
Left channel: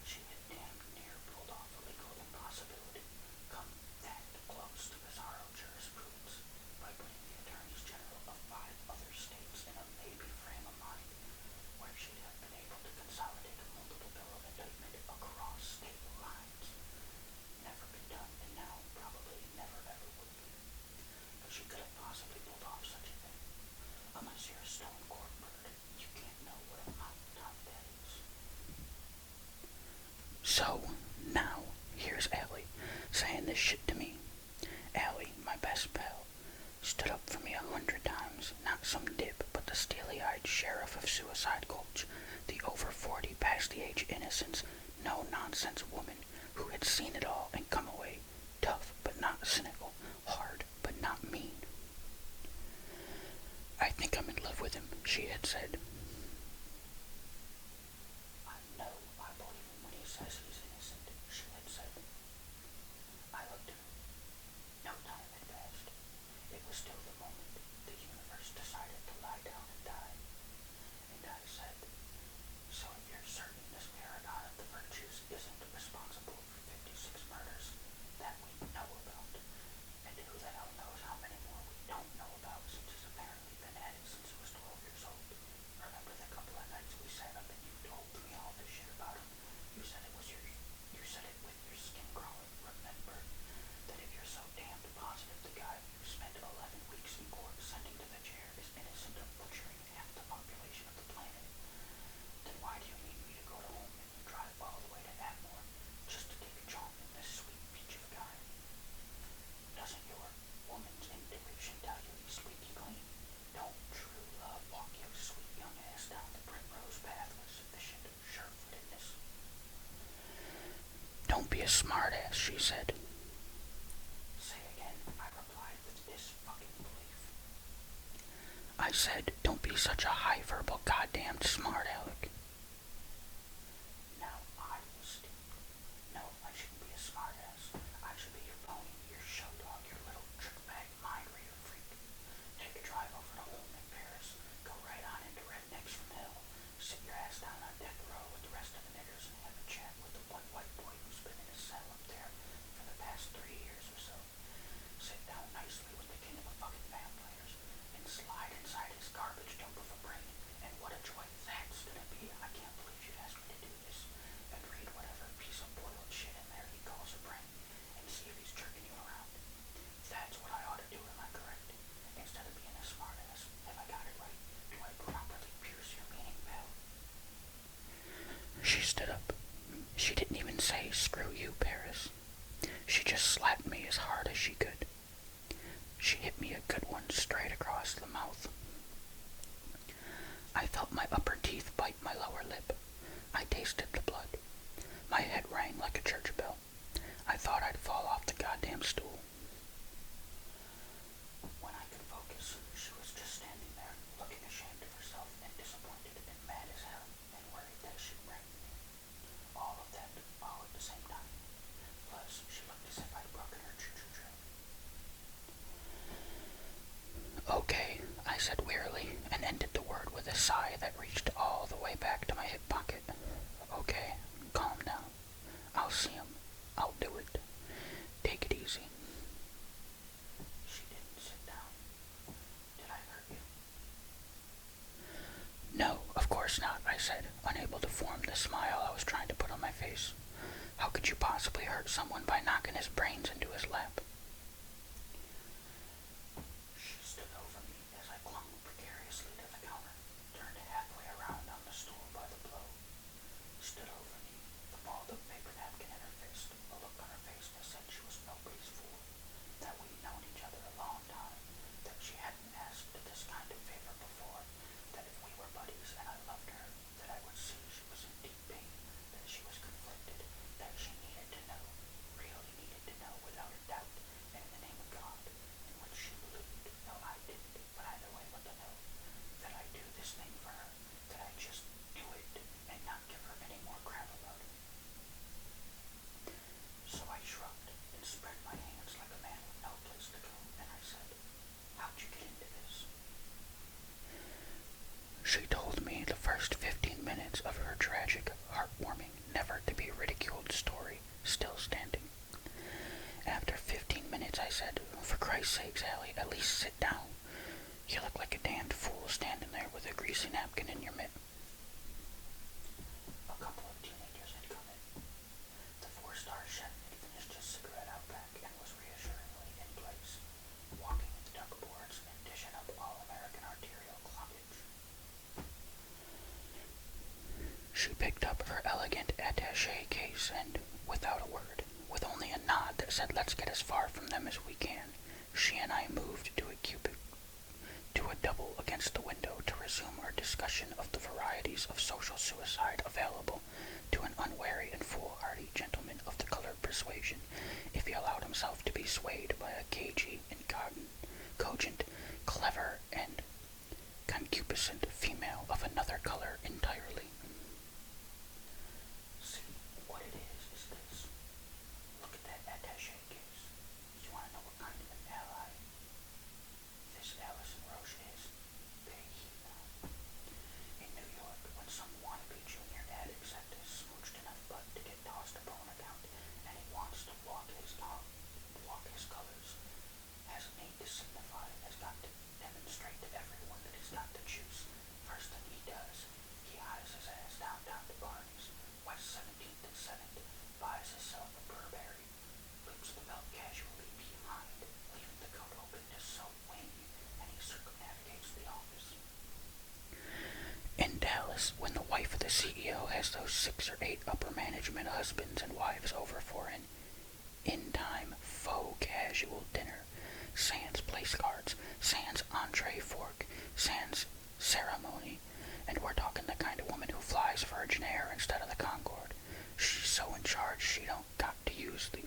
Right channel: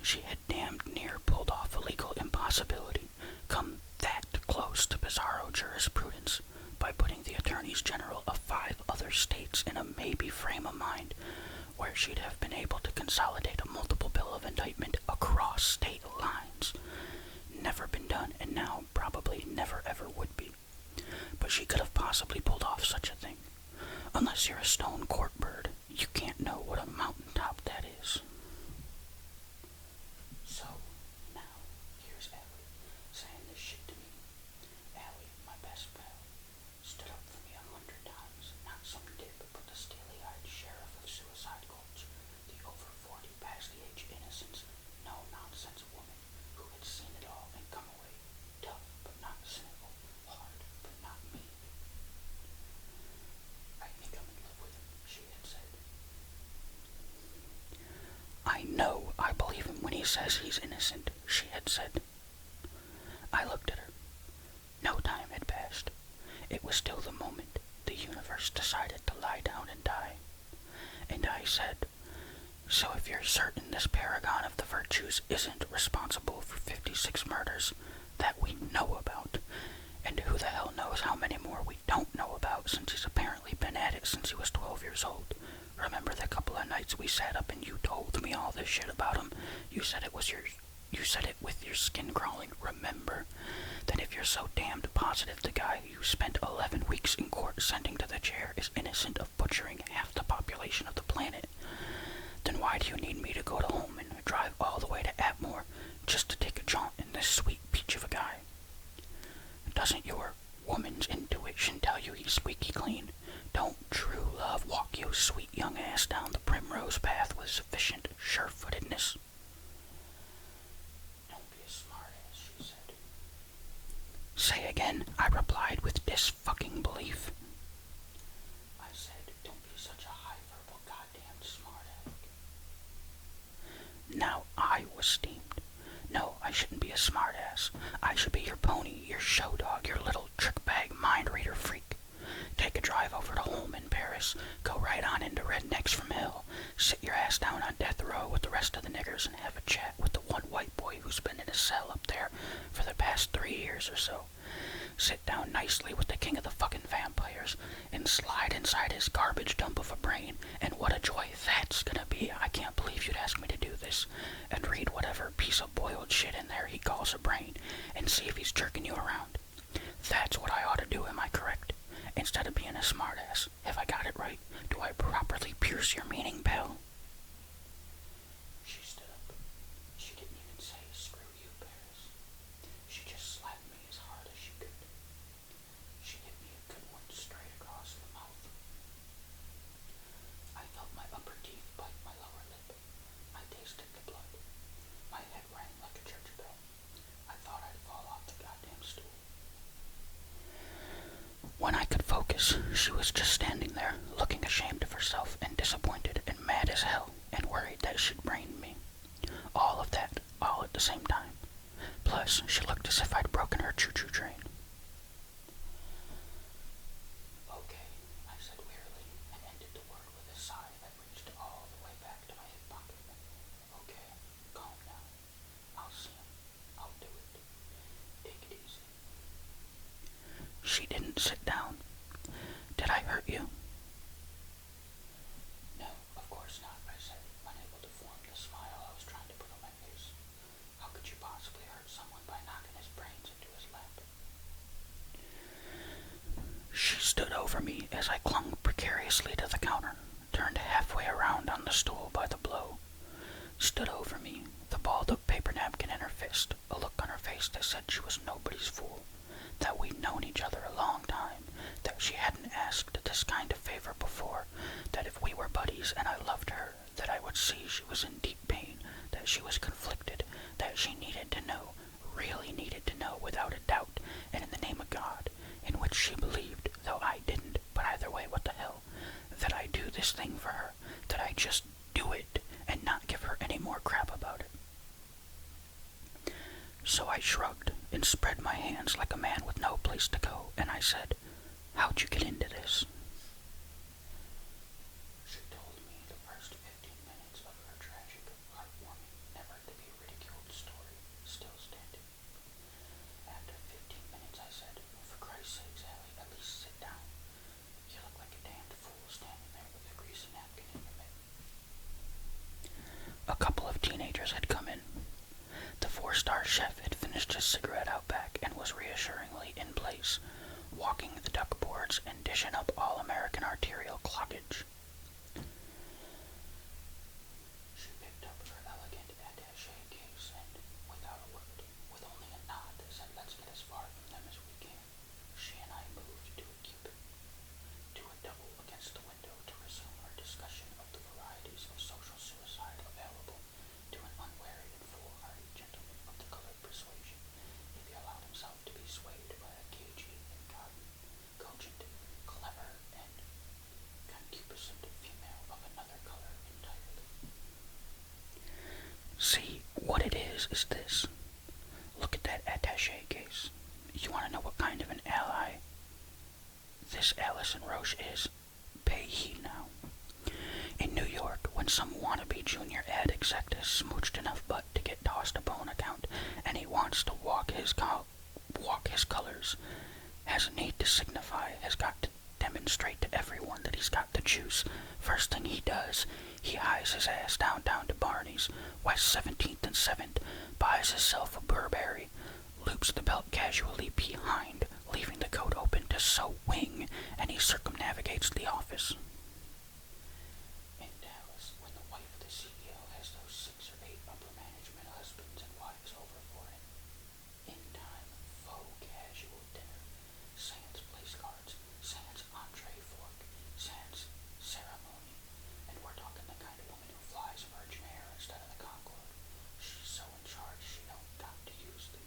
She had damned near pulled off a legal impossibility, come that close to bizarro jurisprudence, by putting the attorneys general of 5 other states in a maybe frame of mind where she'd have been able to consolidate a multiple bill of indictment across state lines. Never been done, and now probably never ever would be. But she could have possibly pulled off such a thing. Unless you're a stone court bird, you can't know what a mountaintop that is. So, now, here's Allie, saying this shit to me. Allie, my best pal, stood up for me 100 times, not some dip, but the steely-eyed sheriff of Suicide Gulch, the over 40 past the age innocence, no-nonsense woman who had seen it all and come away tough but not cynical, hard but not mean. I think I'm in love with him, she had said. I know I believe him when he says he's innocent, she had said. I looked at her. No time had passed. It was still the moment the universe decided to lie down and die. And I said, so if you're certain this paragon of the virtues isn't responsible for 56 murders that we know about, and who the hell knows how many more we don't know about since he's apparently been at it since he was 12 years old. Remember the couple of nights we sat up and you told me all this shit about him? You said it with your skin crawling, remember? Then if you're so damned positive the guy you spent 11 weeks in court sending to the chair is innocent of butchering half the population of the planet, then why do you need me to go to home and drive all the way to Atmore just to take a jaunt in this sweet peach of a guy? Doesn't your woman's intuition tell you he's squeaky clean? Don't true love walk your sweet young ass down the primrose path with sufficient sure-footedness? Don't be a smart-ass, she said. Say again, I replied with dis-fucking belief. I said, don't be such a high-verbal goddamned smart-aleck. Now I was steamed. No, I shouldn't be a smart-ass. I should be your pony, your show dog, your little trick-bag mind-reader freak. Take a drive over to home in Paris, go right on into Rednecks from Hell, sit your ass down on death row with the rest of the niggers and have a chat with the one white boy who's been in a cell up there for the past 3 years or so. Sit down nicely with the king of the fucking vampires and slide inside his garbage dump of a brain, and what a joy that's gonna be. I can't believe you'd ask me to do this. And read whatever piece of boiled shit in there he calls a brain and see if he's jerking you around. That's what I ought to do, am I correct? Instead of being a smartass, have I got it right? Do I properly pierce your meaning, pal? She stood up. She didn't even say, screw you, Paris. She just slapped me as hard as she could. She hit me a good one straight across the mouth. I felt my upper teeth bite my lower lip. I tasted the blood. My head rang like a church bell. I thought I'd fall off the goddamn stool. When I could focus, she was just standing there, looking ashamed of herself and disappointed and mad as hell and worried that she'd brained me. All of that, all at the same time. Plus, she looked as if I'd broken her choo-choo train. Okay, I said wearily, and ended the word with a sigh that reached all the way back to my hip pocket. Okay, calm down. I'll see him. I'll do it. Take it easy. She didn't sit down. Did I hurt you? No, of course not, I said, unable to form the smile I was trying to put on my face. How could you possibly hurt someone by knocking his brains into his lap? She stood over me as I clung precariously to the counter, turned halfway around on the stool by the blow. Stood over me, the balled up paper napkin in her fist, a look on her face that said she was nobody's fool, that we'd known each other a long time, that she hadn't asked this kind of favor before, that if we were buddies and I loved her, that I would see she was in deep pain, that she was conflicted, that she needed to know, really needed to know without a doubt, and in the name of God, in which she believed, though I didn't, but either way, what the hell, that I do this thing for her, that I just do it, and not give her any more crap about it. So I shrugged and spread my hands like Christ's sakes, Allie, at least sit down. You look like a damned fool standing there with a greasy napkin in your mitt. A couple of teenagers had come in. The four-star chef had finished his cigarette out back and was reassuringly in place, walking the duck boards and dishing up all-American arterial clockage. She picked up her elegant attaché case and, without a word, with only a nod that said let's get as far from them as we can, she and I moved to a double against the window to resume our discussion of the varieties of social suicide available to an unwary and foolhardy gentleman of the colored persuasion if he allowed himself to be swayed by a cagey and cogent, clever, and concupiscent female of another color entirely. See, what it is this. Look at that attaché case. You want to know what kind of an ally this Allison Roche is? Pay heed now. In New York, when some wannabe junior ad exec has smooched enough butt to get tossed a bone account, and he wants to walk his colors, has a need to signify, has got to demonstrate to everyone that he's got the juice, first thing he does, he hies his ass downtown to Barney's, West 17th and 7th, buys himself a Burberry, loops the belt casually behind, leaving the coat open to sew wing, and he circumnavigates the office. In Dallas, when the wife of the CEO has those 6 or 8 upper management husbands and wives over for an in-time faux casual dinner, sans place cards, sans entree fork, sans ceremony, and we're talking the kind of woman who flies Virgin Air instead of the Concorde. She's so in charge she don't got to use the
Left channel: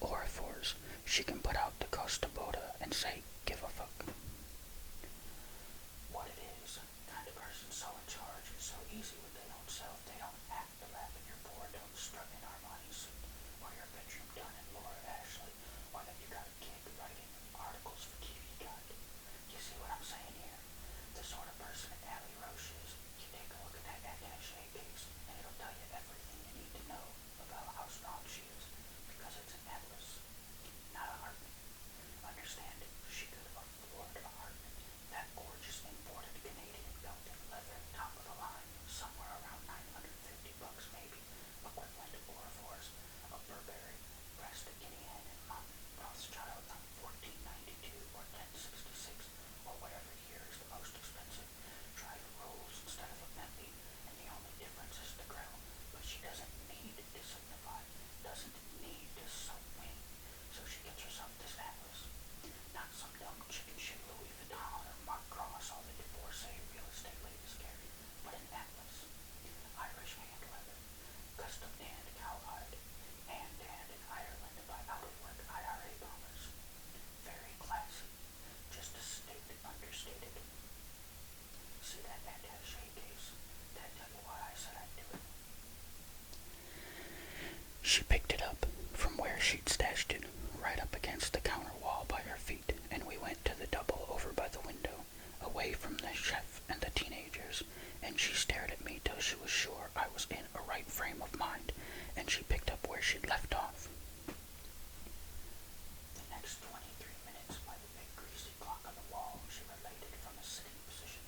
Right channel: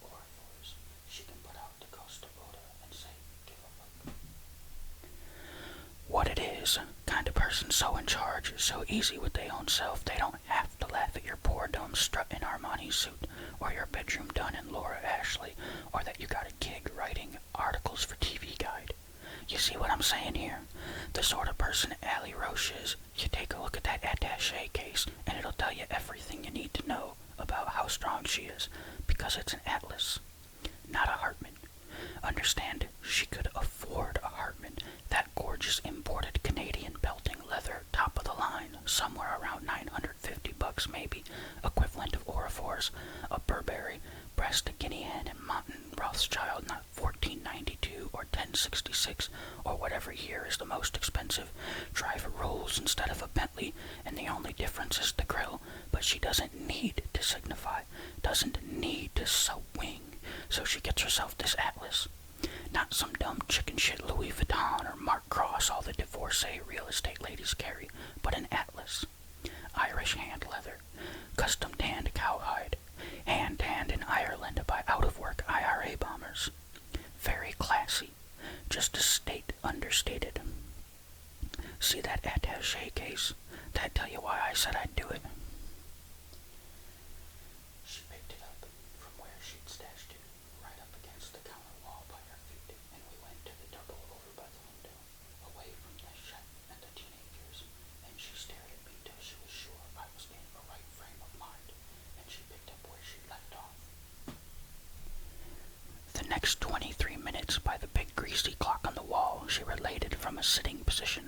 orifores. She can put out the Costa Boda and say, give a fuck. What it is, kind of person so in charge, so easy with their own self, they don't have to laugh at your poor dumb strutting Armani suit, or your bedroom done in Laura Ashley, or that you got a gig writing articles for TV Guide. You see what I'm saying here? The sort of person Allie Roche is, you take a look at that attaché case, and it'll tell you everything you need to know about how strong she is, because it's an Atlas, not a Hartman. Understand, she could afford a Hartman, that gorgeous imported Canadian belting leather, top of the line, somewhere around $950 maybe, equivalent of orifores, a Burberry, breast guinea hen and mountain Rothschild, not 1492 or 1066 or whatever year is the most expensive, drive a Rolls instead of a Bentley, and the only difference is the grill, but she doesn't need to signify, doesn't need to sew wing, so she gets herself this Atlas. Not some dumb chicken shit Louis Vuitton or Mark Cross all the divorcee real estate ladies carry, but an Atlas. Irish hand leather, custom tanned cowhide, hand tanned in Ireland by out-of-work IRA bombers. Very classy, just a state understated. See that attaché case? That'd tell you why I said I'd do it. She picked it up from where she'd stashed it, right up against the counter wall by her feet, and we went to the double over by the window, away from the chef and the teenagers, and she stared at me till she was sure I was in a right frame of mind, and she picked up where she'd left off. The next 23 minutes by the big greasy clock on the wall she related from a sitting position.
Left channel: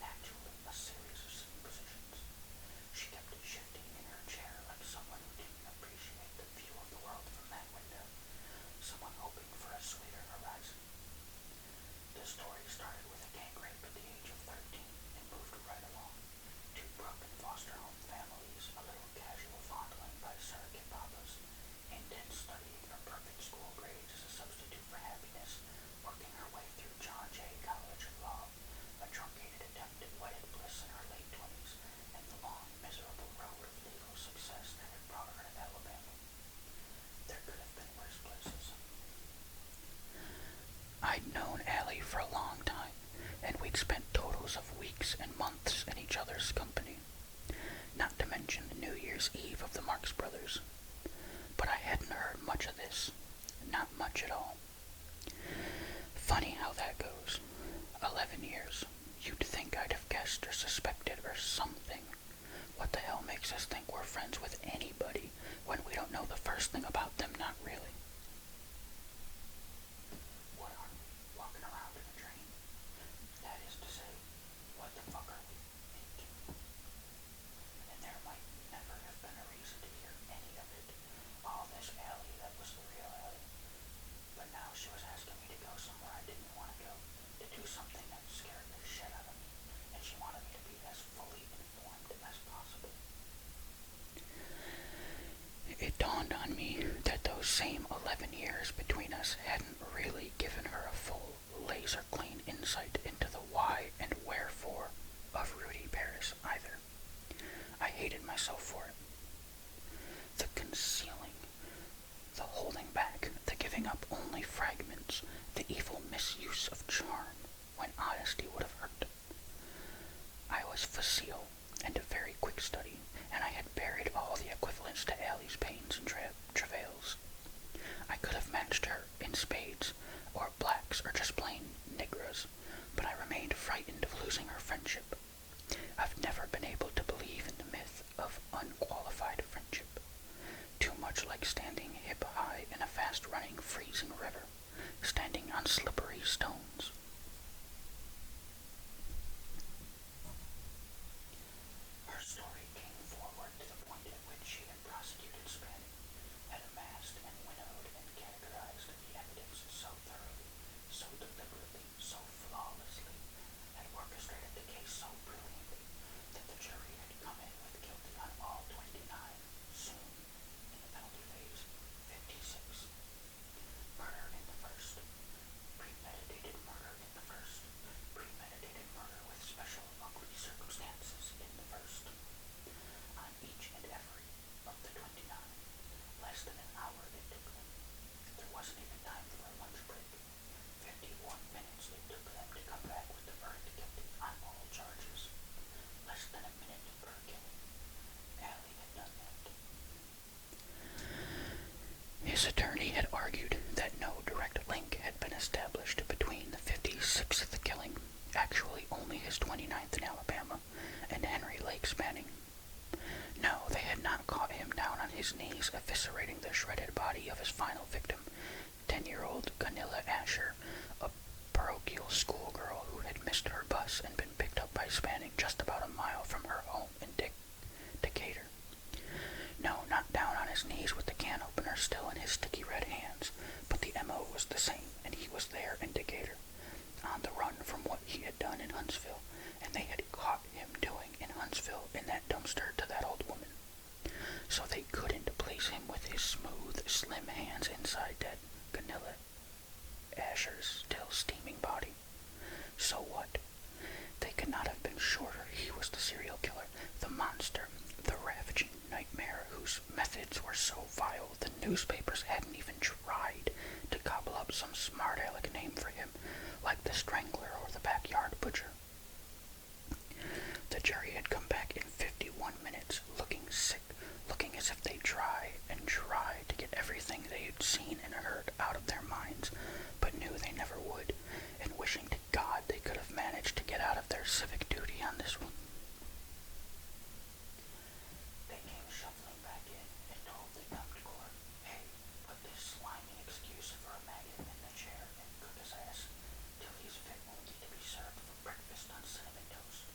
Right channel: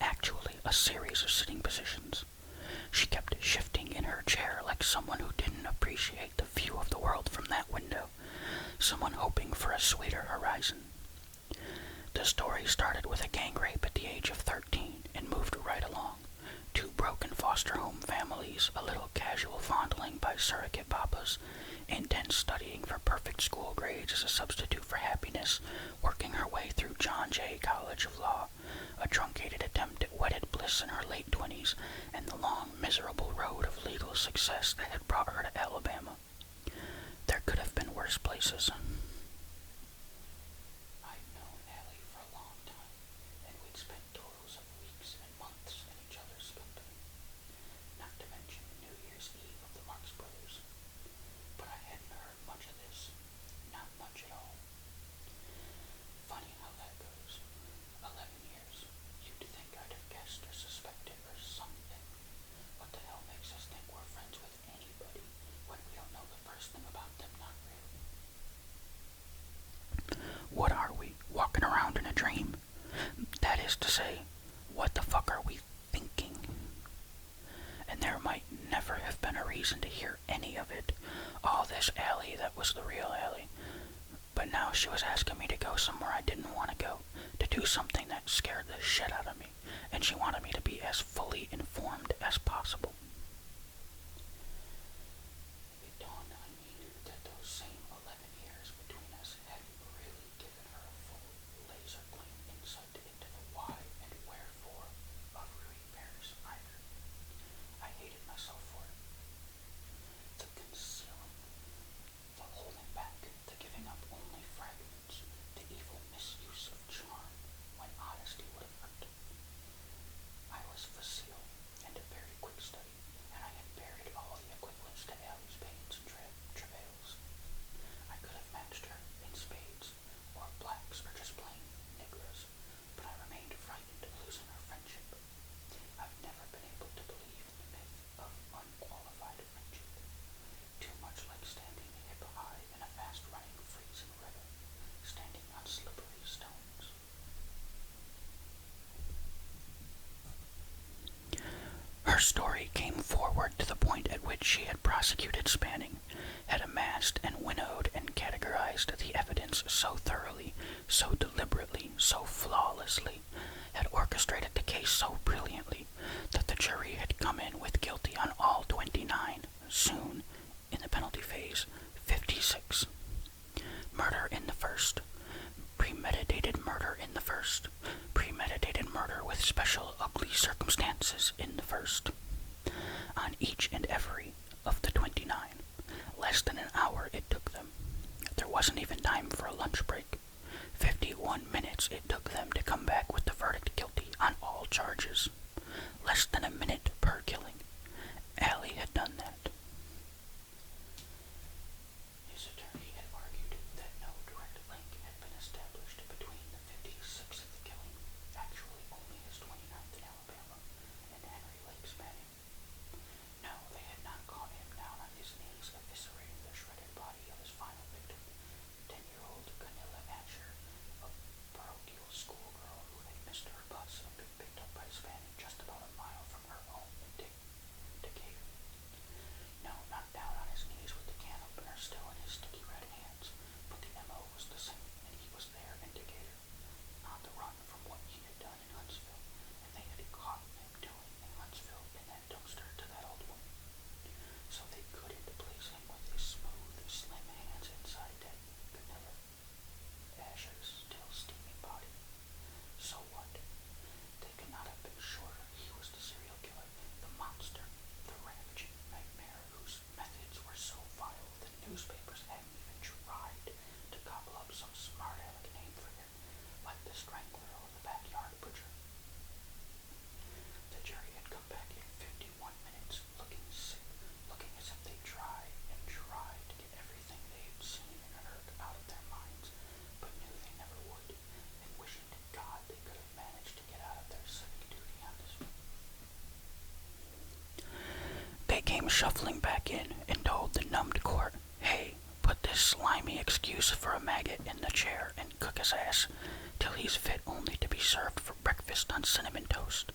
Actually, a series of sitting positions. She kept shifting in her chair like someone who didn't appreciate the view of the world from that window, someone hoping for a sweeter horizon. The story started with a gang rape at the age of 13 and moved right along. 2 broken foster home families, a little casual fondling by surrogate papas, intense studying for perfect school grades as a substitute for happiness, working her way through John Jay College of Law, a truncated attempt at wedded bliss in her late 20s, and the long, miserable road of legal success that had brought her to Alabama. There could have been worse places. I'd known Allie for a long time, and we'd spent totals of weeks and months in each other's company, not to mention the New Year's Eve of the Marx Brothers. But I hadn't heard much of this, not much at all. Funny how that goes. 11 years. You'd think I'd have guessed or suspected or something. What the hell makes us think we're friends with anybody when we don't know the first thing about them? Not really. as to say, what the fuck are we thinking? And there might never have been a reason to hear any of it. All this Allie that was the real Allie. But now she was asking me to go somewhere I didn't want to go, to do something that scared the shit out of me, and she wanted me to be as fully informed as possible. It dawned on me that those same 11 years between us hadn't really given her a full, laser-clean insight into the why and wherefore of Rudy Paris either. I hated myself for it. The concealing, the holding back, the giving up only fragments, the evil misuse of charm when honesty would have hurt. I was facile and a very quick study, and I had buried all the equivalents to Allie's pains and travails. I could have matched her in spades, or blacks, or just plain nigras, but I remained frightened of losing her friendship. I've never been able to believe in the myth of unqualified friendship. Too much like standing hip high in a fast-running, freezing river, standing on slippery stones. Her story came forward to the point at which she had prosecuted Spanning, had amassed and winnowed and categorized the evidence so thoroughly, so deliberately, so flawlessly, had orchestrated the case so brilliantly, that the jury had come in with guilty on all 29, soon, in the penalty phase, 56. Murder in the first, premeditated murder in the first, premeditated murder with special ugly circumstances in the first. On each and every of the 29, less than an hour it took them. There wasn't even time for a lunch break. 51 minutes it took them to come back with the verdict guilty on all charges. Less than a minute per killing. Allie had done that. His attorney had argued that no direct link had been established between the 56th killing, actually only his 29th in Alabama, and Henry Lake Spanning. No, they had not caught him down on his knees eviscerating the shredded body of his final victim, 10-year-old Gunilla Asher, a parochial schoolgirl who had missed her bus and been picked up by Spanning just about a mile from her home in Decatur. No, not down on his knees with the can opener still in his sticky red hands, but the MO was the same, and he was there in Decatur, on the run from what he had done in Huntsville, and they had caught him doing in Huntsville in that dumpster to that old woman. So they couldn't place him with his smooth, slim hands inside that Gunilla Asher's still steaming body. So what? They could not have been surer he was the serial killer, the monster, the ravaging nightmare whose methods were so vile the newspapers hadn't even tried to gobble up some smart-aleck name for him, like the Strangler or the Backyard Butcher. The jury had come back in 51 minutes, looking sick, looking as if they'd try and try to get everything they had seen and heard out of their minds, but knew they never would, and wishing to God they could have managed to get out of their civic duty on this one. They came shuffling back in and told the numbed court, "Hey, put this slimy excuse for a maggot in the chair and cook his ass till he's fit only to be served for breakfast on cinnamon toast."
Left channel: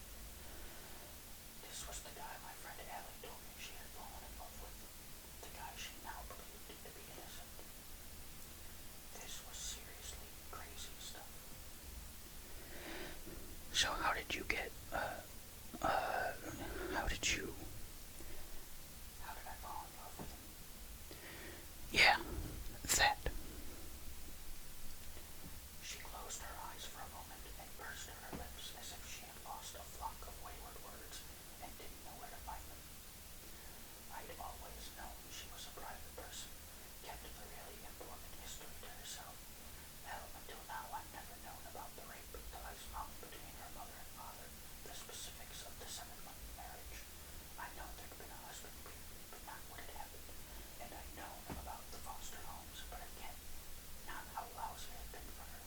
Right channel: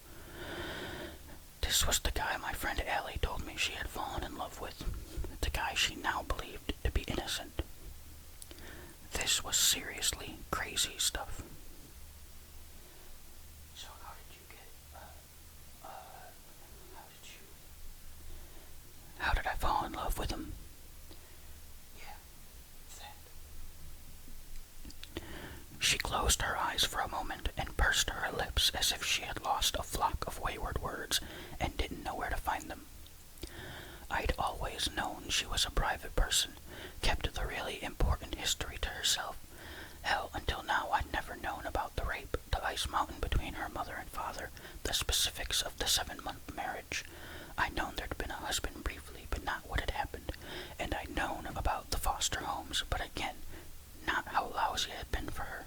This was the guy my friend Allie told me she had fallen in love with, the guy she now believed to be innocent. This was seriously crazy stuff. So how did you get, how did I fall in love with him? Yeah, that. She closed her eyes for a moment and pursed her lips as if she had lost a flock of wayward words and didn't know where to find them. I'd always known she was a private person, kept the really important history to herself. Hell, until now I'd never known about the rape, the ice mountain between her mother and father, the specifics of the 7-month marriage. I'd known there'd been a husband briefly, but not what had happened, and I'd known about the foster homes, but again, not how lousy it had been for her.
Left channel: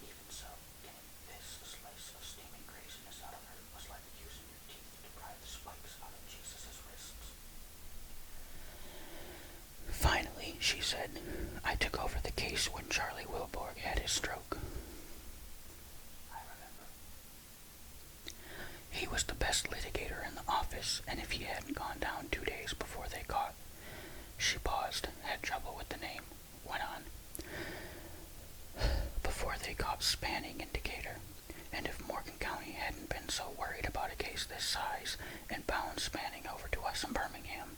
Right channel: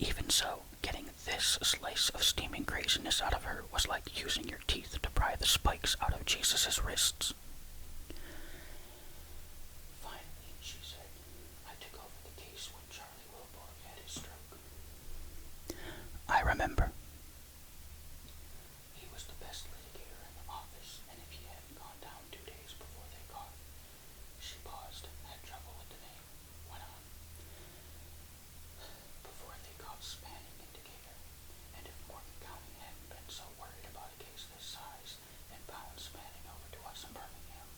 Even so, getting this slice of steaming craziness out of her was like using your teeth to pry the spikes out of Jesus' wrists. Finally, she said, I took over the case when Charlie Wilborg had his stroke. I remember. about spanning indicator, and if Morgan County hadn't been so worried about a case this size and bound spanning over to us in Birmingham,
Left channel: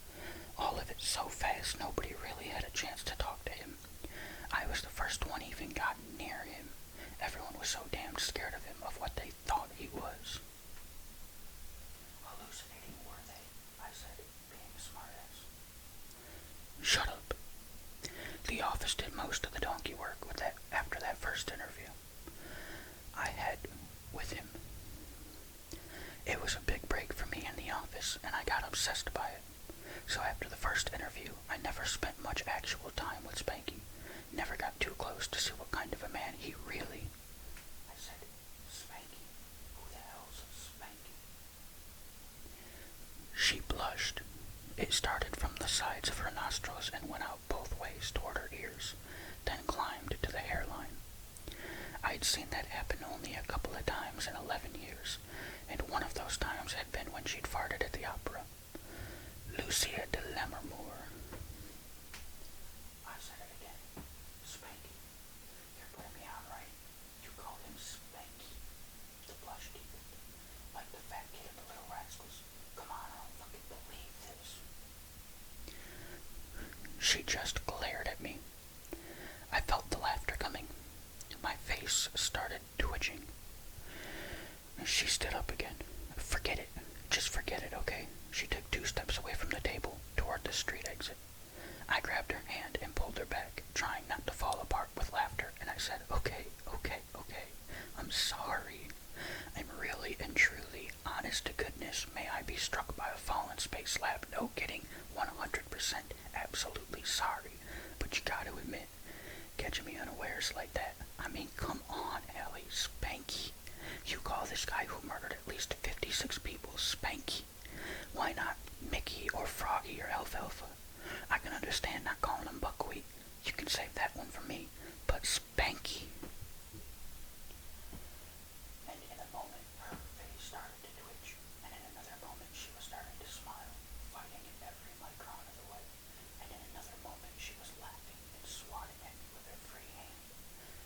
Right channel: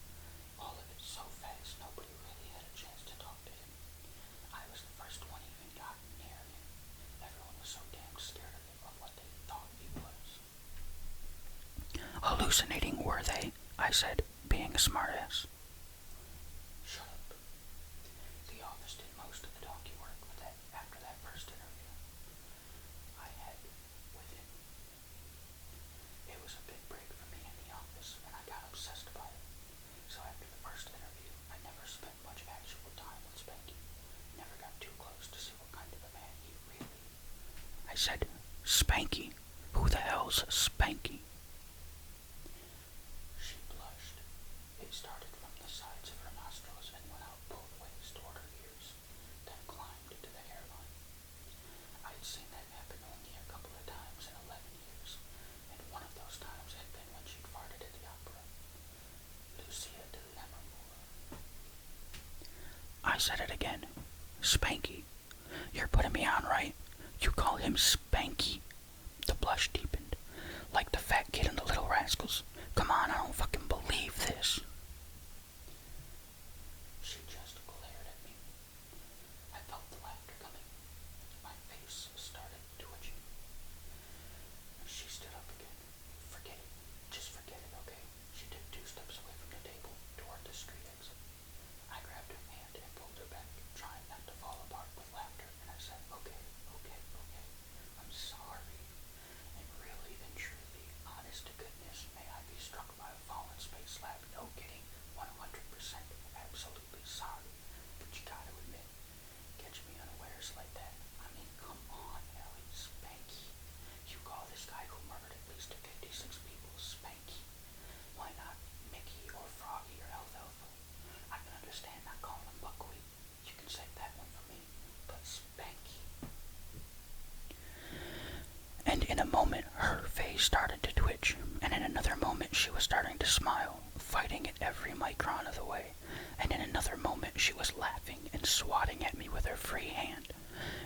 all of it so fast nobody really had a chance to talk to him. I was the first one even got near him. Everyone was so damn scared of him, of what they thought he was. Hallucinating, were they? I said, being a smartass. Shut up. The office did most of the donkey work with that after that first interview I had with him. It was a big break for me in the office, and I got obsessed by it. So after the first interview, I never spent much actual time with Spanky. Never got too close to see what kind of a man he really... I said, Spanky? Who the hell's Spanky? She blushed. It started from the sides of her nostrils and went out both ways toward her ears, then climbed to the hairline. I'd seen that happen only a couple of times in 11 years, and one of those times had been when she'd farted at the opera. Lucia de Lammermoor. I said it again. Spanky. You're putting me on, right? You call him Spanky? The blush deepened. Like the fat kid in the Little Rascals. Come on, I don't fucking believe this. She just glared at me. I felt the laughter coming. My face started twitching. She stood up again. Forget it. Just forget it, okay? She took 2 steps away from the table, toward the street exit. I grabbed her hand and pulled her back, trying not to fall apart with laughter, and I said, okay. I'm sorry. I'm really and truly, honest to goodness, may I be struck by a fallen space lab, no kidding, 100% absolutely sorry. But you gotta admit, catching me unawares like that, I mean, come on, Ellie, Spanky. You call this guy who murdered at least 56 people Spanky. Why not Mickey or Froggy or Alfalfa? I can understand not calling him Buckwheat. You can save that one for me. But Spanky. And in a moment, her face started to twitch, and in another moment she was starting to smile, fighting it every micron of the way, and in another moment she was laughing and swatting at me with her free hand,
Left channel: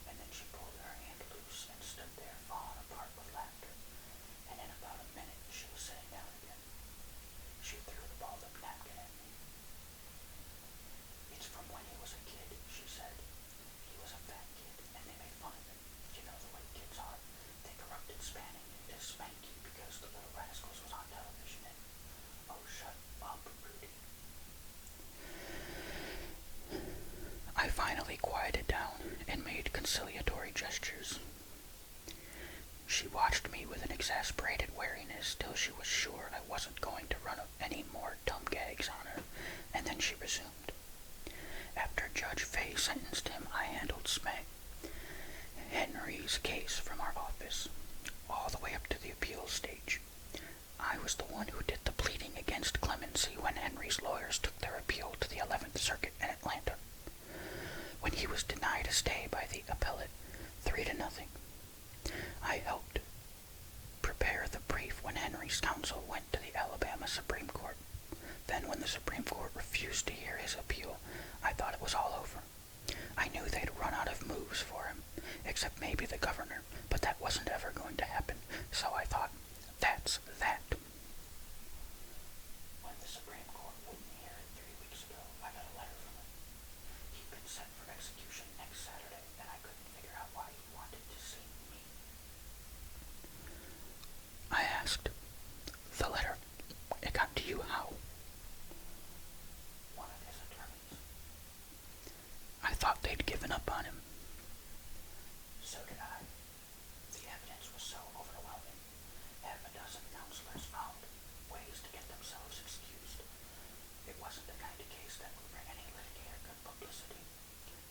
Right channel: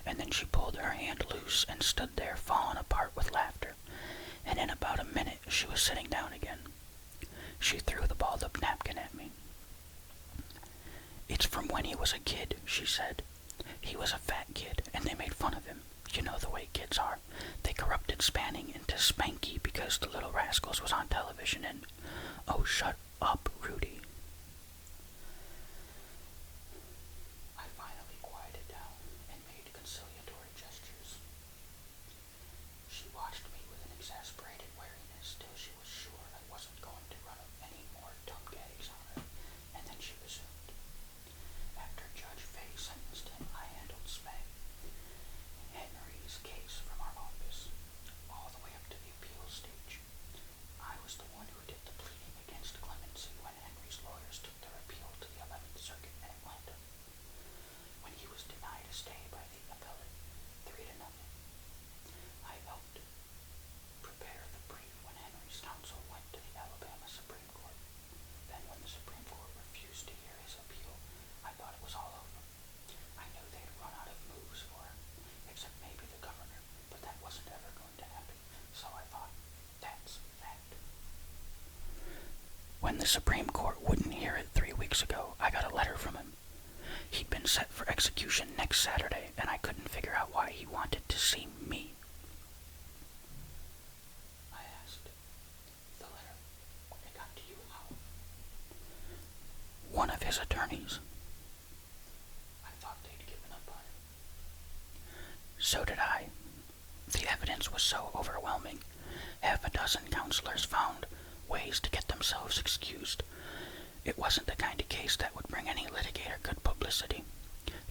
and then she pulled her hand loose and stood there falling apart with laughter, and in about a minute she was sitting down again. She threw the balled-up napkin at me. It's from when he was a kid, she said. He was a fat kid, and they made fun of him. You know the way kids are. They corrupted Spanning into Spanky because the Little Rascals was on television and... Oh, shut up, Rudy. I finally quieted down and made conciliatory gestures. She watched me with an exasperated wariness till she was sure I wasn't going to run any more dumb gags on her, and then she resumed. After Judge Fay sentenced him, I handled Henry's case from our office, all the way up to the appeal stage. I was the one who did the pleading against clemency when Henry's lawyers took their appeal to the 11th Circuit in Atlanta, when he was denied a stay by the appellate 3-0. I helped prepare the brief when Henry's counsel went to the Alabama Supreme Court. Then when the Supreme Court refused to hear his appeal, I thought it was all over. I knew they'd run out of moves for him, except maybe the governor, but that wasn't ever going to happen, so I thought, that's that. When the Supreme Court wouldn't hear it 3 weeks ago, I got a letter from him. He'd been set for execution next Saturday, and I couldn't figure out why he wanted to see me. I asked, the letter, it got to you how? One of his attorneys. I thought they'd given up on him. So did I. The evidence was so overwhelming. 6 counselors found ways to get themselves excused. It wasn't the kind of case that would bring any litigator good publicity.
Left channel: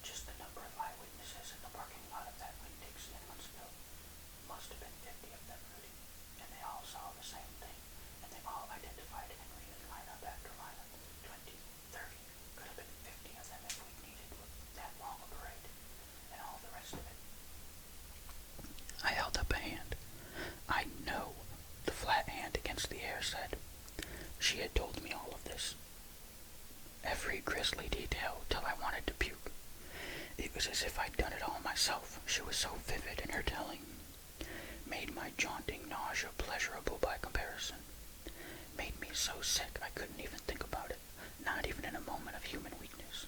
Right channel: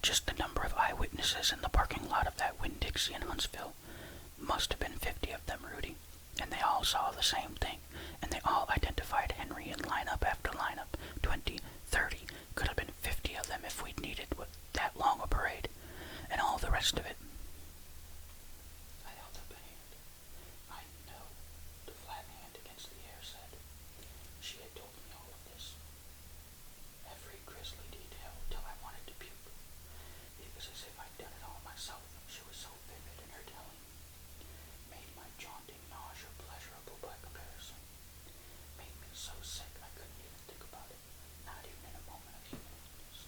Just the number of eyewitnesses in the parking lot of that Winn-Dixie in Huntsville. Must have been 50 of them, Rudy. And they all saw the same thing. And they all identified Henry in lineup after lineup. 20, 30, could have been 50 of them if we'd needed with that long a parade. And all the rest of it. I held up a hand. I know, the flat hand against the air said. She had told me all of this. Every grisly detail till I wanted to puke. It was as if I'd done it all myself. She was so vivid in her telling made my jaunting nausea pleasurable by comparison. Made me so sick I couldn't even think about it, not even in a moment of human weakness.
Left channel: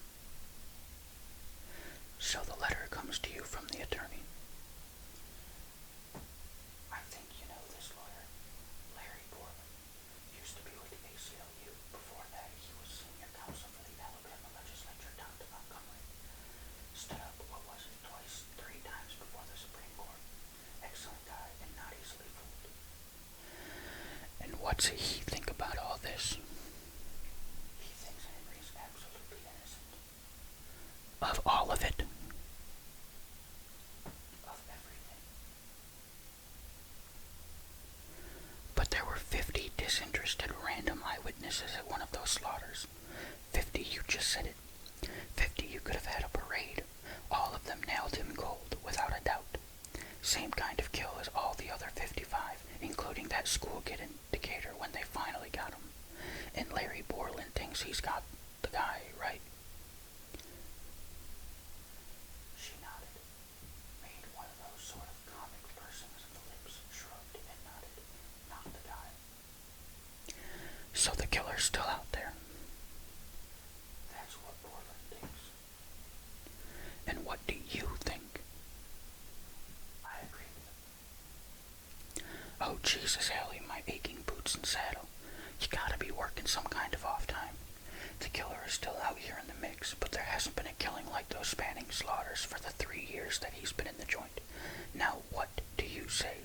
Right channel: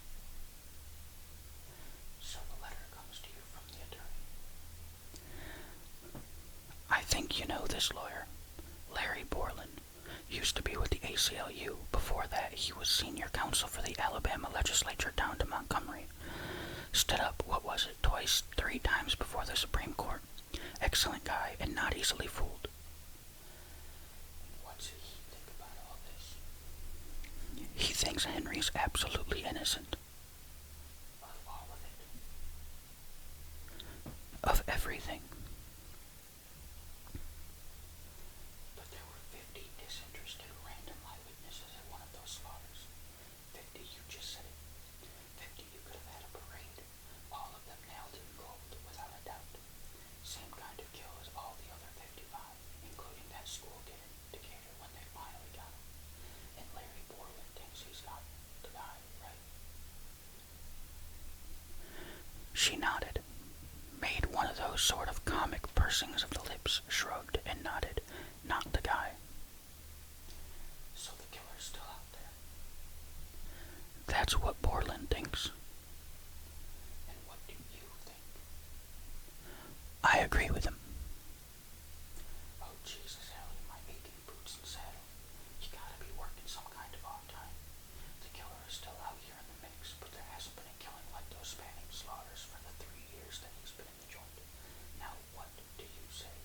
So the letter comes to you from the attorney. I think you know this lawyer, Larry Borland. Used to be with the ACLU. Before that, he was senior counsel for the Alabama legislature down to Montgomery. Stood up, what was it, twice, 3 times before the Supreme Court. Excellent guy and not easily fooled. And what's he think about all this? He thinks Henry's absolutely innocent. Of all of it. Of everything. But there were 50 disinterested random eyewitnesses at one of those slaughters. 50, you just said it. 50 you could have had a parade. All of them nailed him cold, without a doubt. Same kind of kill as all the other 55, including that school kid in Decatur when they finally got him. And Larry Borland thinks he's got the guy, right? She nodded, made one of those sort of comic pursings of the lips, shrugged and nodded. Not the guy. So the killer's still out there. That's what Borland thinks. And what do you think? I agree with him. Oh, Jesus, Ellie, my aching boots and saddle. You gotta be working some kind of off time. The killer is still out here in the mix, but there hasn't been a killing like those spanning slaughters for the 3 years that he's been in the joint. Now what do you say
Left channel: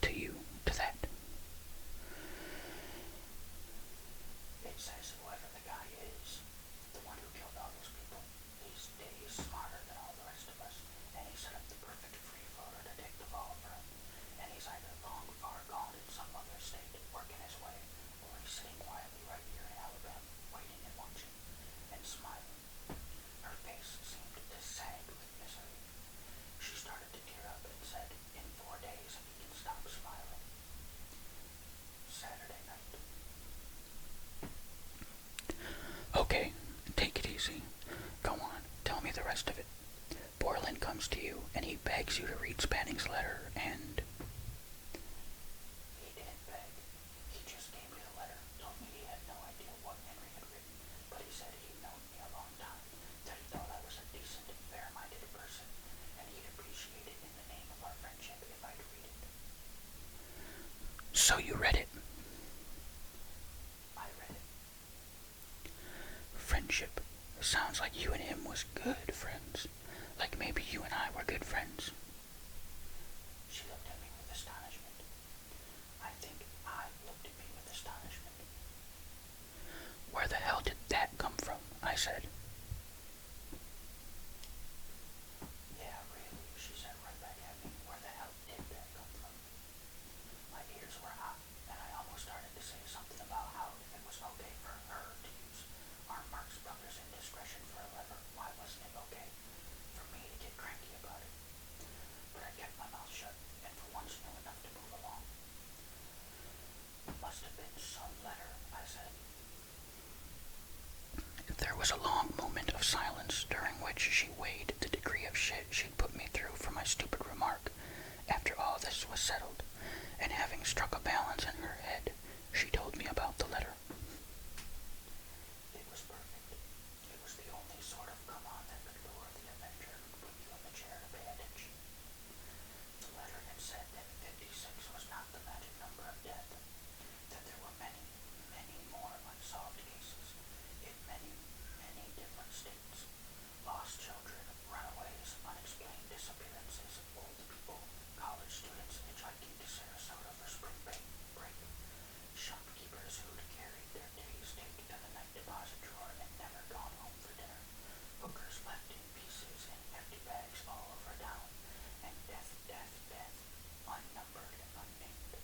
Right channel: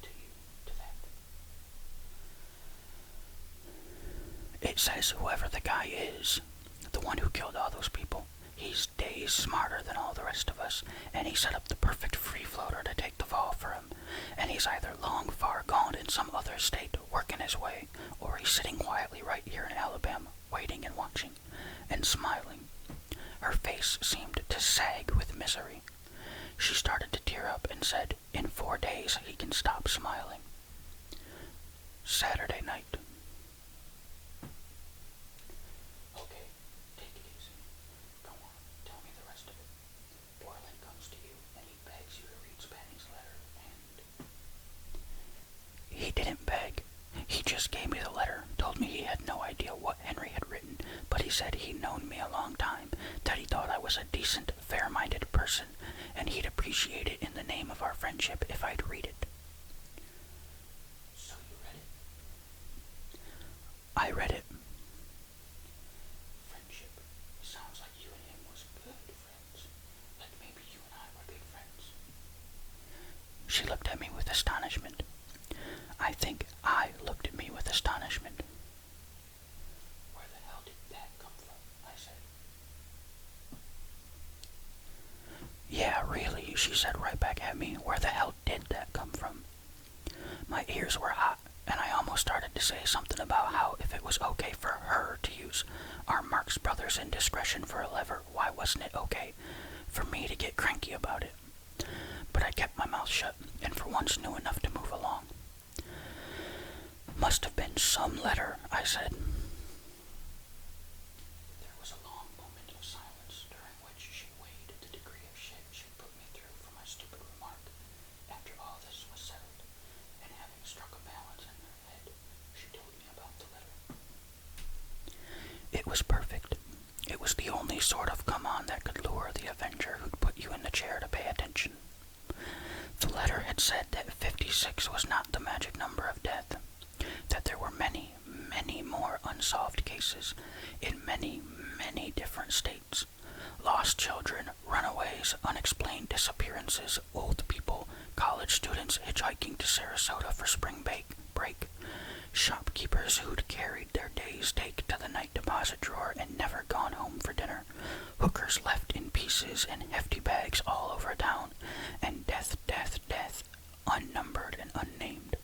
to that? It says whoever the guy is, the one who killed all those people, he's days smarter than all the rest of us, and he set up the perfect free floater to take the fall for him. And he's either long far gone in some other state, working his way, or he's sitting quietly right here in Alabama, waiting and watching, and smiling. Her face seemed to sag with misery. She started to tear up and said, in 4 days he can stop smiling. Saturday night. Okay, take it easy. Go on, tell me the rest of it. Borland comes to you, and he begs you to read Spanning's letter, and... He didn't beg. He just gave me the letter, told me he had no idea what Henry had written, but he said he'd known me a long time, that he thought I was a decent, fair-minded person, and he'd appreciate it in the name of our friendship if I'd read it. So you read it? I read it. Friendship. Sounds like you and him was good friends. Like maybe you and I were good friends. She looked at me with astonishment. I think I looked at me with astonishment. Where the hell did that come from? I said. Yeah, really, she said right back at me. Where the hell did that come from? My ears were hot, and I almost started to say something about how if it was okay for her to use our Marx Brothers indiscretion for a lever, why wasn't it okay for me to get cranky about it? But I kept my mouth shut, and for once knew enough to move along. Must have been some letter, I said. There was a long moment of silence, during which she weighed the degree of shit she'd put me through for my stupid remark. After all this was settled, and having struck a balance in her head, she told me about the letter. It was perfect. It was the only sort of come-on that could lure the avenger who'd put you in the chair to pay attention. The letter had said that 56 was not the magic number of death, that there were many, many more unsolved cases in many, many different states. Lost children, runaways, unexplained disappearances, old people, college students hitchhiking to Sarasota for spring break, shopkeepers who'd carried their day's take to the night deposit drawer and never gone home for dinner, hookers left in pieces and hefty bags all over town, and death, death, death, unnumbered and unnamed.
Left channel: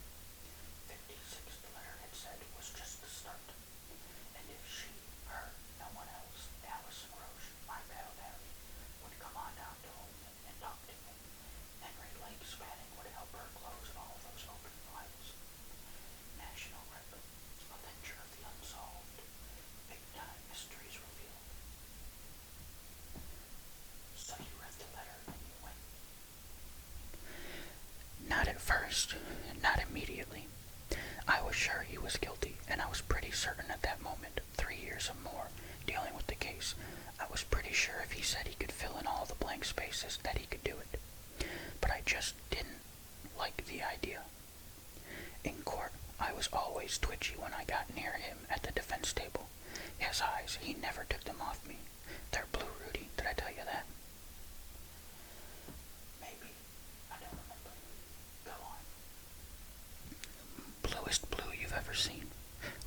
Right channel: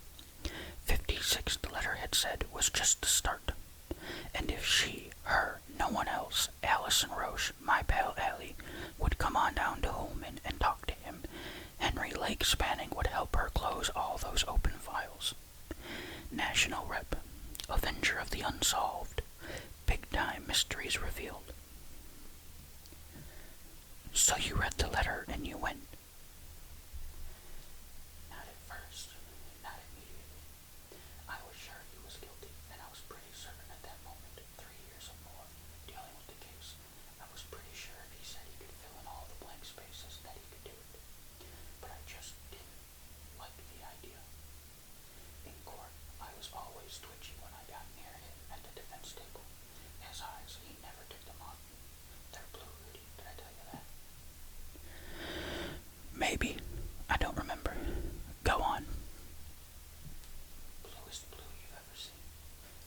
56, the letter had said, was just the start. And if she, her, no one else, Allison Roche, my pal Allie, would come on down to Holman and talk to him, Henry Lake Spanning would help her close all those open files. National rep, avenger of the unsolved, big-time mysteries revealed. So you read the letter and you went. just not immediately. I was sure he was guilty, and I was pretty certain at that moment, 3 years or more, dealing with the case, I was pretty sure if he said he could fill in all the blank spaces that he could do it. But I just didn't like the idea. In court, I was always twitchy when I got near him at the defense table. His eyes, he never took them off me. They're blue, Rudy, did I tell you that? Maybe. I don't remember. Go on. Bluest blue you've ever seen.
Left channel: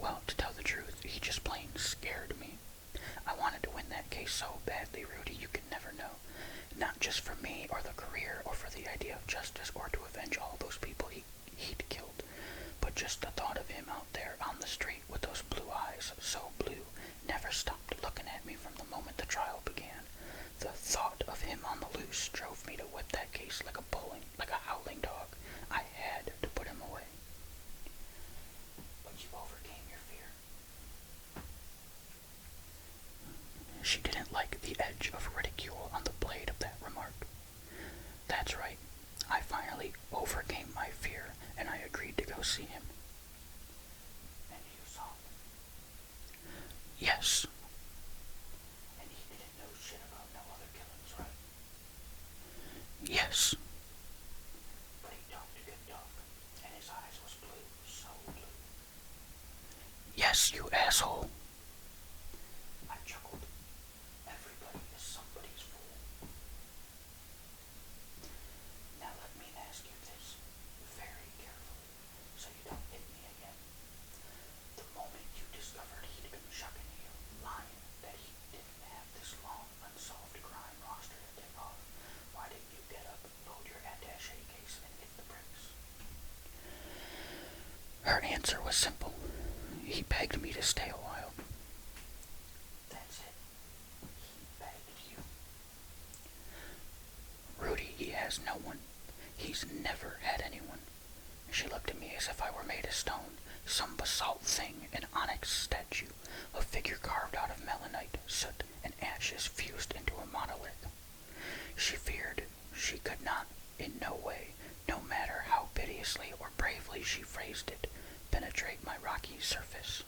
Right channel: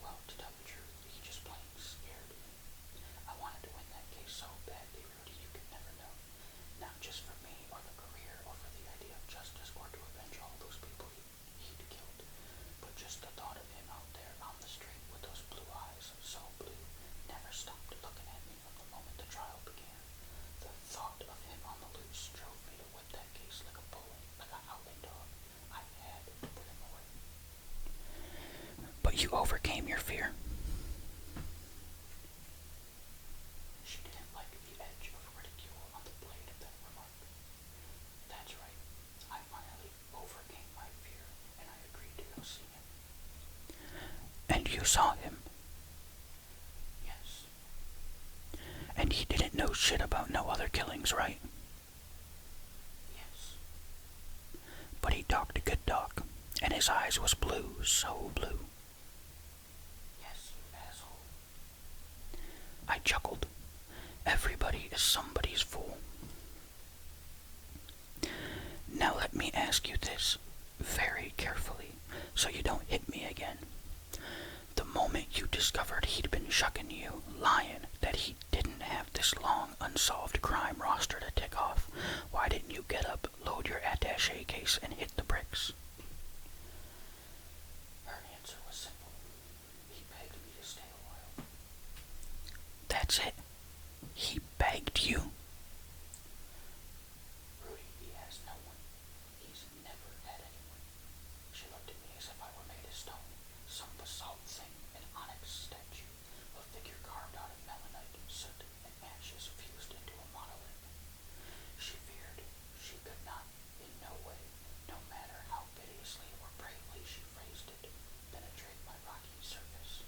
Well, to tell the truth, he just plain scared me. I wanted to win that case so badly, Rudy, you could never know. Not just for me or the career or for the idea of justice or to avenge all those people he'd killed, but just the thought of him out there on the street with those blue eyes, so blue, never stopped looking at me from the moment the trial began. The thought of him on the loose drove me to whip that case like a howling dog. I had to put him away. But you overcame your fear. She didn't like the edge of ridicule on the blade of that remark. That's right. I finally overcame my fear, and I agreed to go see him. And you saw him? Yes. And he didn't know shit about no other killings, right? Yes. But he talked a good talk, and his eyes was blue, so blue. Yes, you asshole. I chuckled. Everybody is somebody's fool. Now let me ask you this, very carefully, so you don't hit me again. The moment you discovered he'd been shucking you, lying, that he didn't have this long, unsolved crime roster to tick off, why didn't you get up, load your attaché case, and hit the bricks? Her answer was simple. He begged me to stay a while. That's it. He begged you. Rudy, he has no one. He's never had anyone. She looked at me as if I were made of stone, some basalt thing, an onyx statue, a figure carved out of melanite, soot, and ashes fused into a monolith. She feared she could not, in no way, no matter how piteously or bravely she phrased it, penetrate my rocky surface.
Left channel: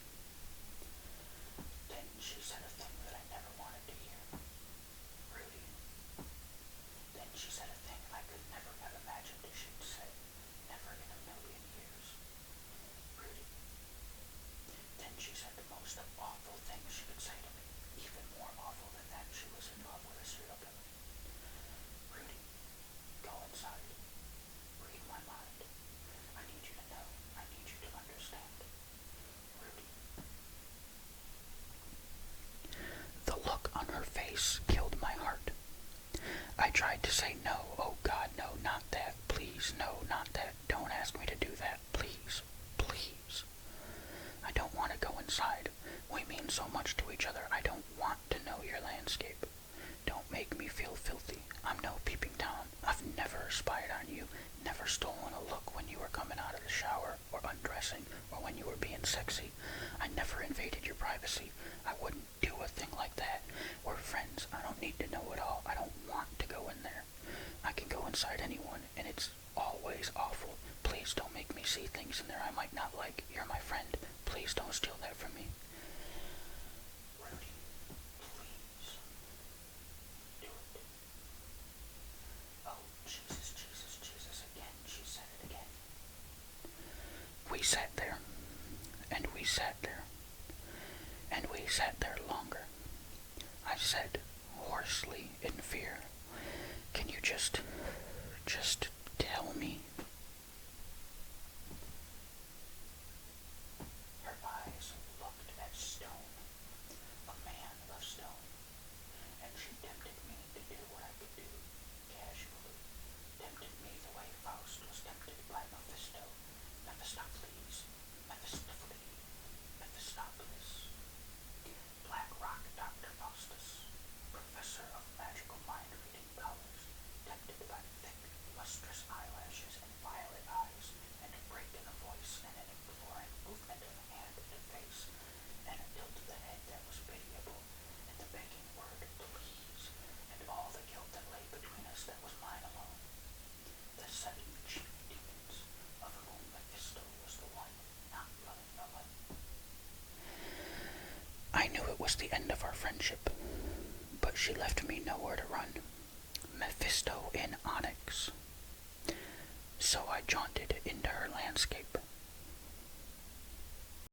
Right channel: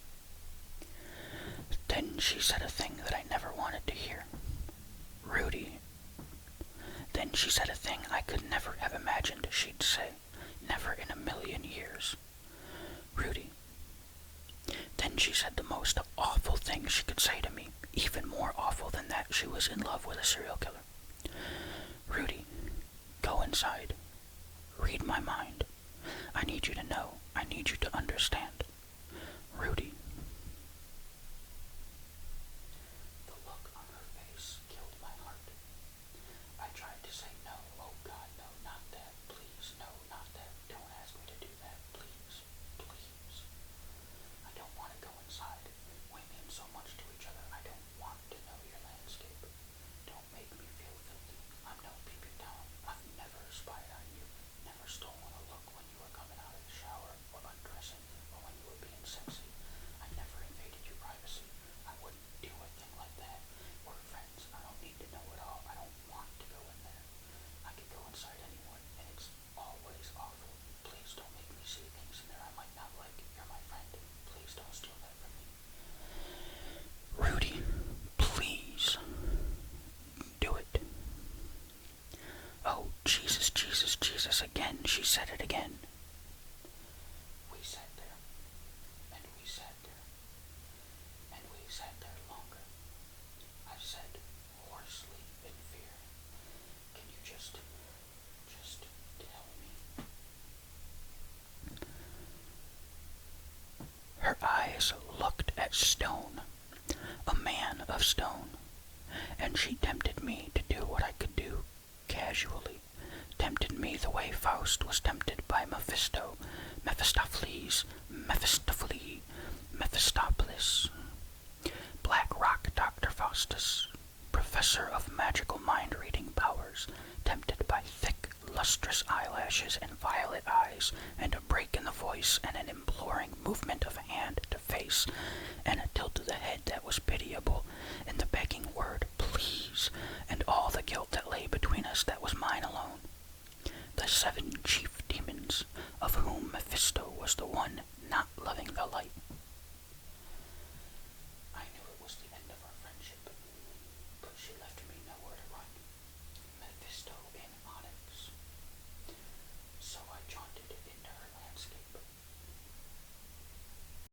Then she said a thing that I never wanted to hear. Rudy. Then she said a thing I could never have imagined she'd say, never in a million years. Rudy. Then she said the most awful thing she could say to me, even more awful than that she was in love with a serial killer. Rudy, go inside. Read my mind. I need you to know. I need you to understand. Rudy. The look on her face killed my heart. I tried to say no. Oh God, no, not that. Please, no, not that. Don't ask me to do that. Please, please. I don't want to go inside. We mean so much to each other. I don't want to know your landscape. Don't make me feel filthy. I'm no peeping Tom. I've never spied on you, never stolen a look when you were coming out of the shower or undressing or when you were being sexy. I never invaded your privacy. I wouldn't do a thing like that. We're friends. I don't need to know it all. I don't want to go in there. I can go inside anyone, and it's always awful. Please don't make me see things in there I might not like. You're my friend. Please don't steal that from me. Rudy, please. Do it. Oh, Jesus, Jesus, Jesus, again. She said it again. We sat there, and we sat there, and we sat there longer. I said, hoarsely, in fear, can you just tell me? Her eyes looked at stone, a man of stone, and she tempted me to do what I could do, casually, tempted me the way Faust was tempted by Mephisto, Mephistopheles, Mephistopheles, Black Rock Dr. Faustus, professor of magical mind-reading powers, tempted by thick, lustrous eyelashes and violet eyes, and a break in the voice and an imploring movement of hand to face, and a tilt of the head that was pitiable, and the begging word, please, and all the guilt that lay between us that was mine alone. The 7 chief demons, she left me nowhere to run. Mephisto in Onyx.